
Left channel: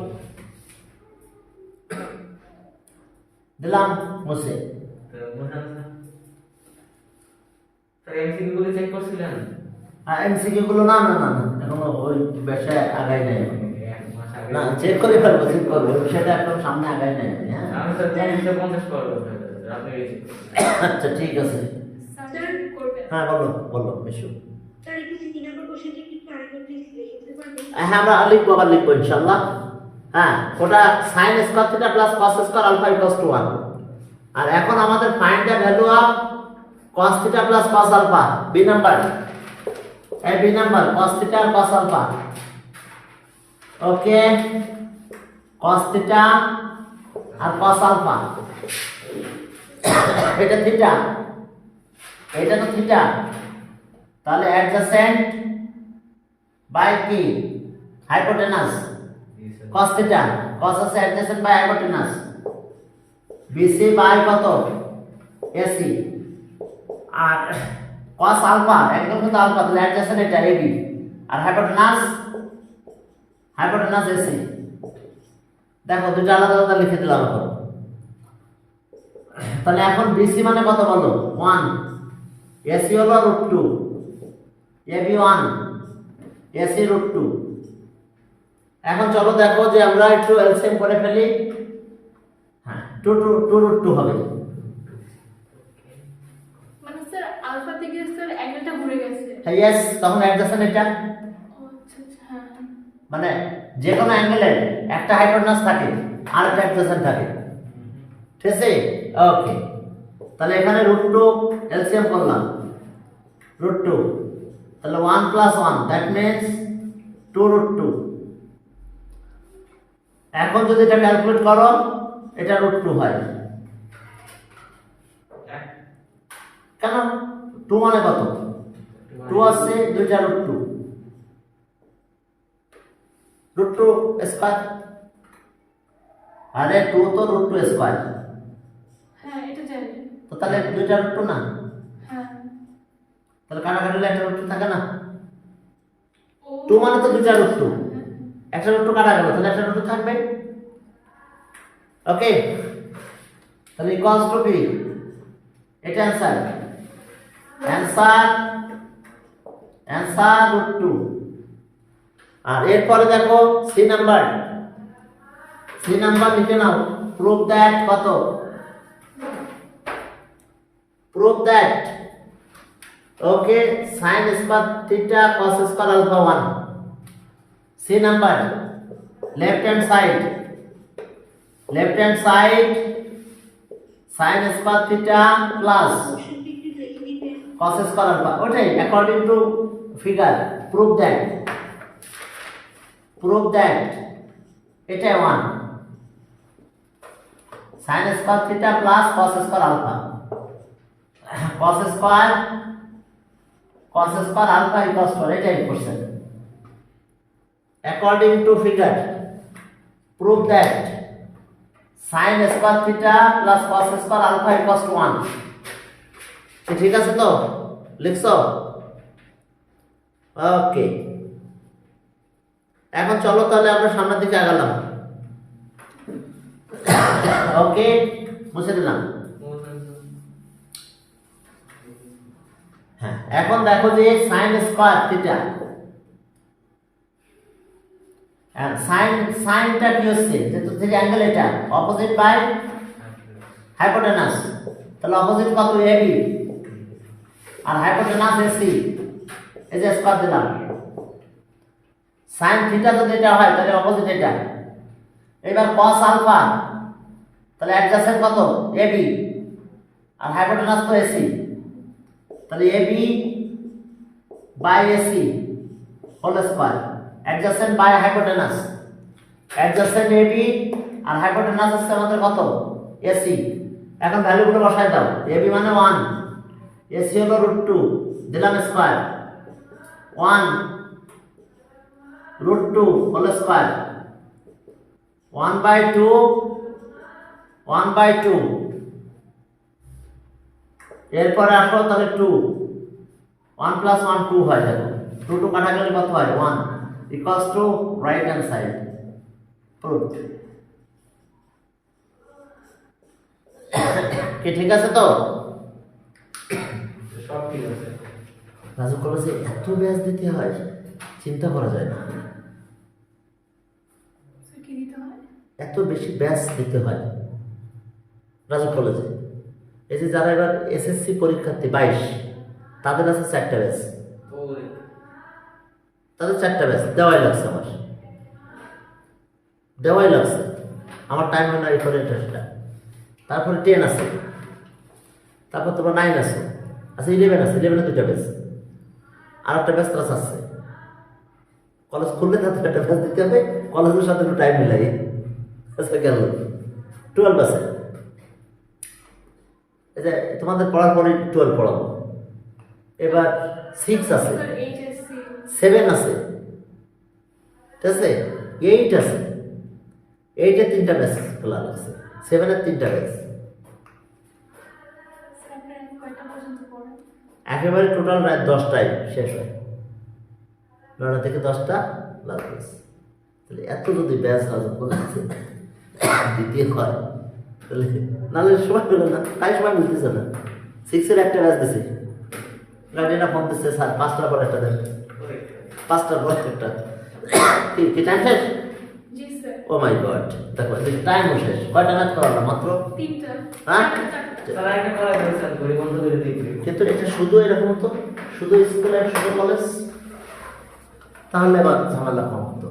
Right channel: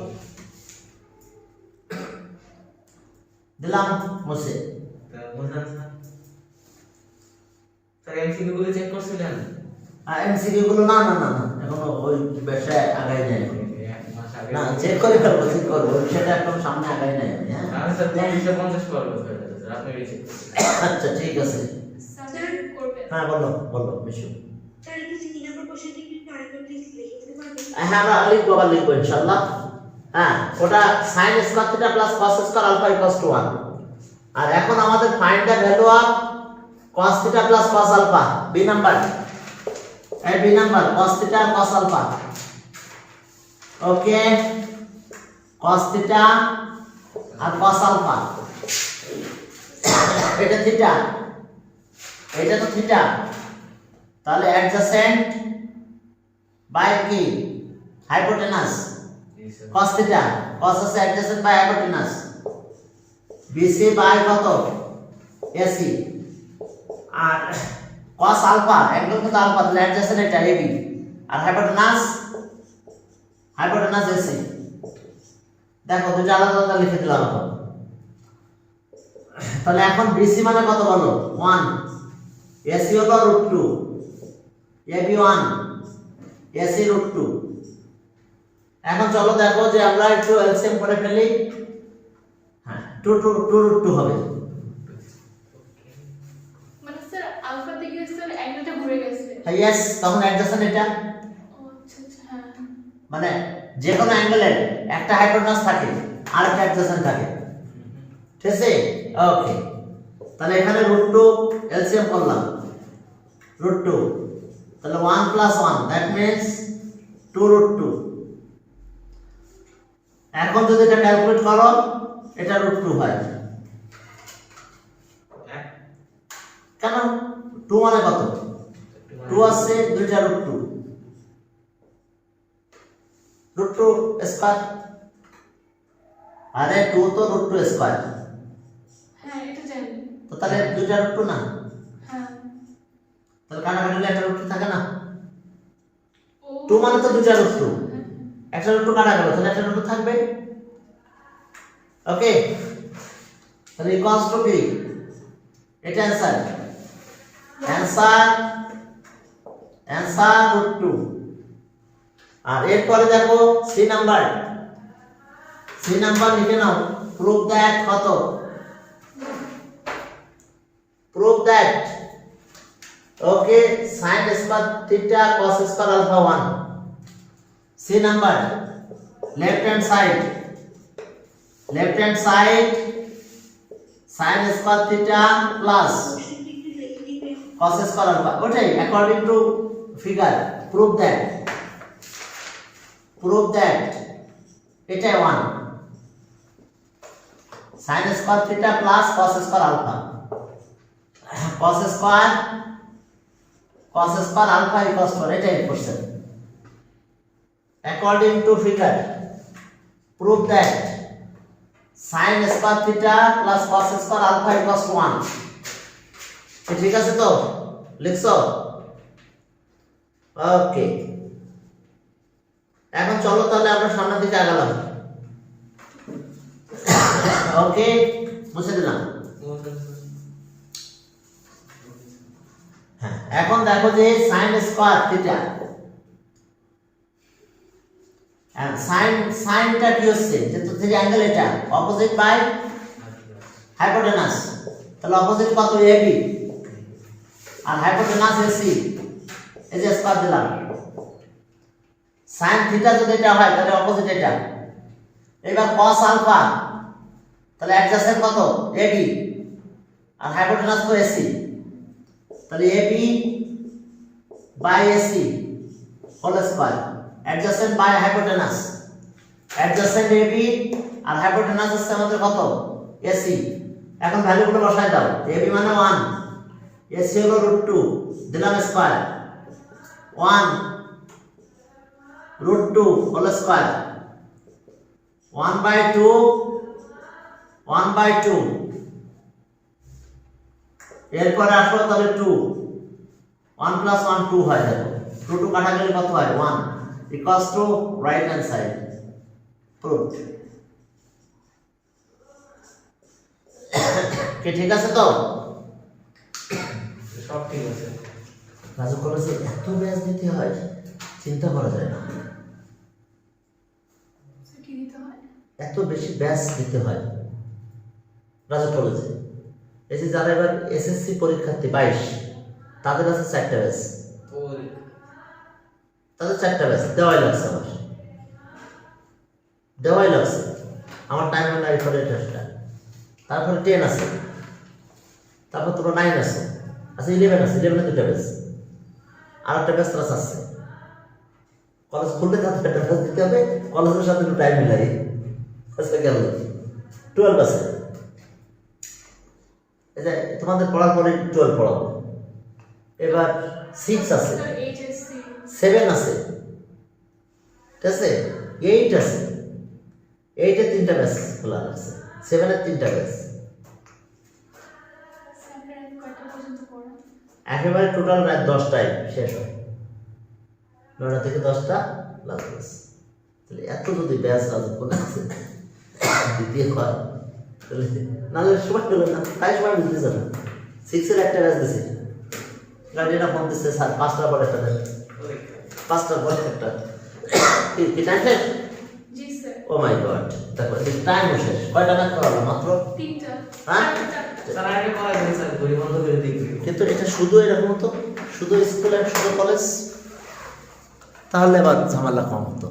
দিলাম মুছে। বুঝলেন স্যার এমসিকিউ গুলো চেক করছিলেন? আর এমসিকিউ গুলো না না না না এখন ওই বিষয়ে আগাই নাই, না চেক করে ফেলবো, চেক করবো, ওই বিষয়টা একদম সামনে আগাই নাই। হ্যাঁ আমি স্যার 250 করব স্যার, আপনি রিসিভ আচ্ছা ঠিক আছে। স্যার করবেন। হ্যাঁ বলো বলো বিশু। স্যার একটু সিটি নাম্বার কোশ্চেনটা একটু আরেকবার প্লিজ লিখে দিতে পারবেন? হ্যাঁ আমরা লিখবো, আবার লিখবো ইনশাআল্লাহ। হ্যাঁ, ওটা sin square theta plus cos square alpha equals to 1, আর এখন আমাদের find the value of cos theta plus cos alpha, B number, এই বি নাম্বার cos থিটা আর cos alpha. Okay, cos theta আর cos আলফা, এটা theta, এটা তো theta, তাহলে অ্যাডজাসেন্ট বাই কি হাইপোটেনাস, cos থিটা, cos আছে adjacent by hypotenuse, BC by কত এসি, আর cos আলফা একদম তো আলফা, তাহলে অ্যাডজাসেন্ট এটা এবি, আর হাইপোটেনাস এসি। দেখো দুটো আলাদা আলাদা লিখে দিলাম এখন। তাহলে এখন বিসি মানে কত বলো, 1, এসি হলো রুট 2, এবি 1, এসি রুট 2। এখন চলো দেখো যে আমরা একটু এলসিএম করে ফেলি। হ্যাঁ, 2 রুট 2 হবে, মানে স্যার আলফা থেকে স্যার অ্যাঙ্গেলটা ঘুরে গেছে। হ্যাঁ ইয়েস, তখন অ্যাডজাসেন্ট এটা, ও আচ্ছা আচ্ছা হ্যাঁ। মানে যে কোনো অ্যাঙ্গেলের একটা হাইপোটেনাস থাকে আর একটা অ্যাডজাসেন্ট থাকে, ঠিক আছে? ওকে, তাহলে এখানে রুট 2 এলসিএম করলাম, রুট 2, তাহলে 1 প্লাস 1 দ্যাট মিন্স 2 রুট 2। এখন যদি এটা ক্যালকুলেট করো, এটা রুট 2 হয়, কেন 2 মানে কত, 2 আছে দুইটা রুট 2, রুট 2 স্কয়ার, আরে 2 তো রুট 2 স্কয়ার, হ্যাঁ এটা জানি। তো তাহলে দুইটা রুট 2 না, হ্যাঁ তাহলে কাটাকাটি একটা রুট 2 থাকে না, ও 2 মানে তো দুইটা রুট 2, একটা রুট 2 কাটা গেল, তাহলে একটা রুট 2 থাকবে। ওকে, তাহলে ইকুয়ালস টু কি, এটা অ্যানসার রুট 2। আর এরপরে দেখো সি নাম্বার লিখে নাও, প্রুভ দ্যাট কত, prove that okay sin square theta cos square alpha 1, C number left hand side sin square theta plus কোশ্চেনটা একটু লিখে দিবেন? cos স্কয়ার আলফা, ওটাই according to figure, prove that এটা 1 sin square theta plus cos square alpha, cos square alpha equals to, এটাই question. According to figure prove that sin square theta plus cos square alpha equals to 1, ঠিক আছে তো, লিখছো? ওকে, এখন চলো তাহলে আমরা সামনের দিকে আগালাম। ওকে, মুছে দিলাম। এখন দেখো যে sin স্কয়ার থিটা, সাইনটা কি হচ্ছে, যেহেতু যে অ্যাঙ্গেল এটা অপোজিট বাই হাইপোটেনাস, তাহলে অপোজিট কত এবি আর হাইপোটেনাস এসি, এই যে স্কয়ার দিলাম। সাইন থিটা যদি এটা হয় তাহলে অপোজিট এটা। এবার cos আলফা, তাহলে অ্যাডজাসেন্ট কত এবি আর হাইপোটেনাস তো এসি, তাহলে AB by AC whole square adjacent by hypotenuse. Adjacent AB আর হাইপোটেনাস হচ্ছে আমাদের কত এসি। এখন ভ্যালুগুলো বসাই দাও। এবি মানে 1, এসি হলো √2, দিলাম স্কয়ার 1 √2 হোল স্কয়ার 1/2 1/2। এরপরে আসো তাহলে 2, 1 + 1 2 হয়, দেখো 2 2 কাটা গেলে কত হয় 1 equals to right hand side. Proof কি ঠিক আছে তো? সব ঠিক আছে। রাজু কলেজে এত ব্যাচ দিতে হয় চিন্তা করা যায় না, কি দিতে হয়? এত বেশি ব্যাচ দিতে হয় রাজু কলেজে। এই যে যারা এবার এসএসসি পরীক্ষার্থী 22 তাদের আছে 4টা ব্যাচ, ওরে তাদের 4টা ব্যাচ দেওয়াই লাগছে, আমার দেওয়াই লাগছে, আমার টাইম নাই করে এটা। তারপরে 10 আছে, তারপর তোমার 9 আছে, আচ্ছা 11 আছে, 11 দুইটা ব্যাচ, আর একটা ব্যাচ ক্লাস আছে। কলেজ খুললে তাদের একটা ব্যাচ দিতে হবে, কলেজের সাথে একটু টাইম মিলাই। আচ্ছা গেল 12 আছে, এই যে তোমাদের পড়ার পরে 12 পড়াবো। এবার 6 আছে, স্যার এইচএসসি 7 আছে, ঠিক আছে, 8 আছে, 8 এর 3টা ব্যাচ খোলা আছে, 7 এর 3টা ব্যাচ। স্যার কয়টা পর্যন্ত পড়ান? একেবারে টোটাল রাত 10টায় শেষ হয়, 9টা থেকে 10টা লাগবে। তাহলে এত যদি ব্যাচ লাজক করেছে দ্বিতীয় হয় তাহলে নাহলে সময় পেল না, তাই সময় মিলতেছে না। 6 এর একটা ব্যাচ দিছে, গাড়িটা ফোন দিচ্ছে স্যার 5টার পর একটা দেন, 5টার পর একটা। কি টাইম শেষ? জি স্যার। ও মাই গড, দেখো টাইম শেষ। কয়টা ম্যাথ করালাম মাত্র? 3টা। হ্যাঁ? স্যার আগে করা যায় স্যার, ঘড়ি বন্ধ করে দিয়ে দিই। কিন্তু এটা শুধু এরকম তো, শুধু স্কুলে শুধু কলেজ, তাহলে আবার ঝামেলা কম হতো।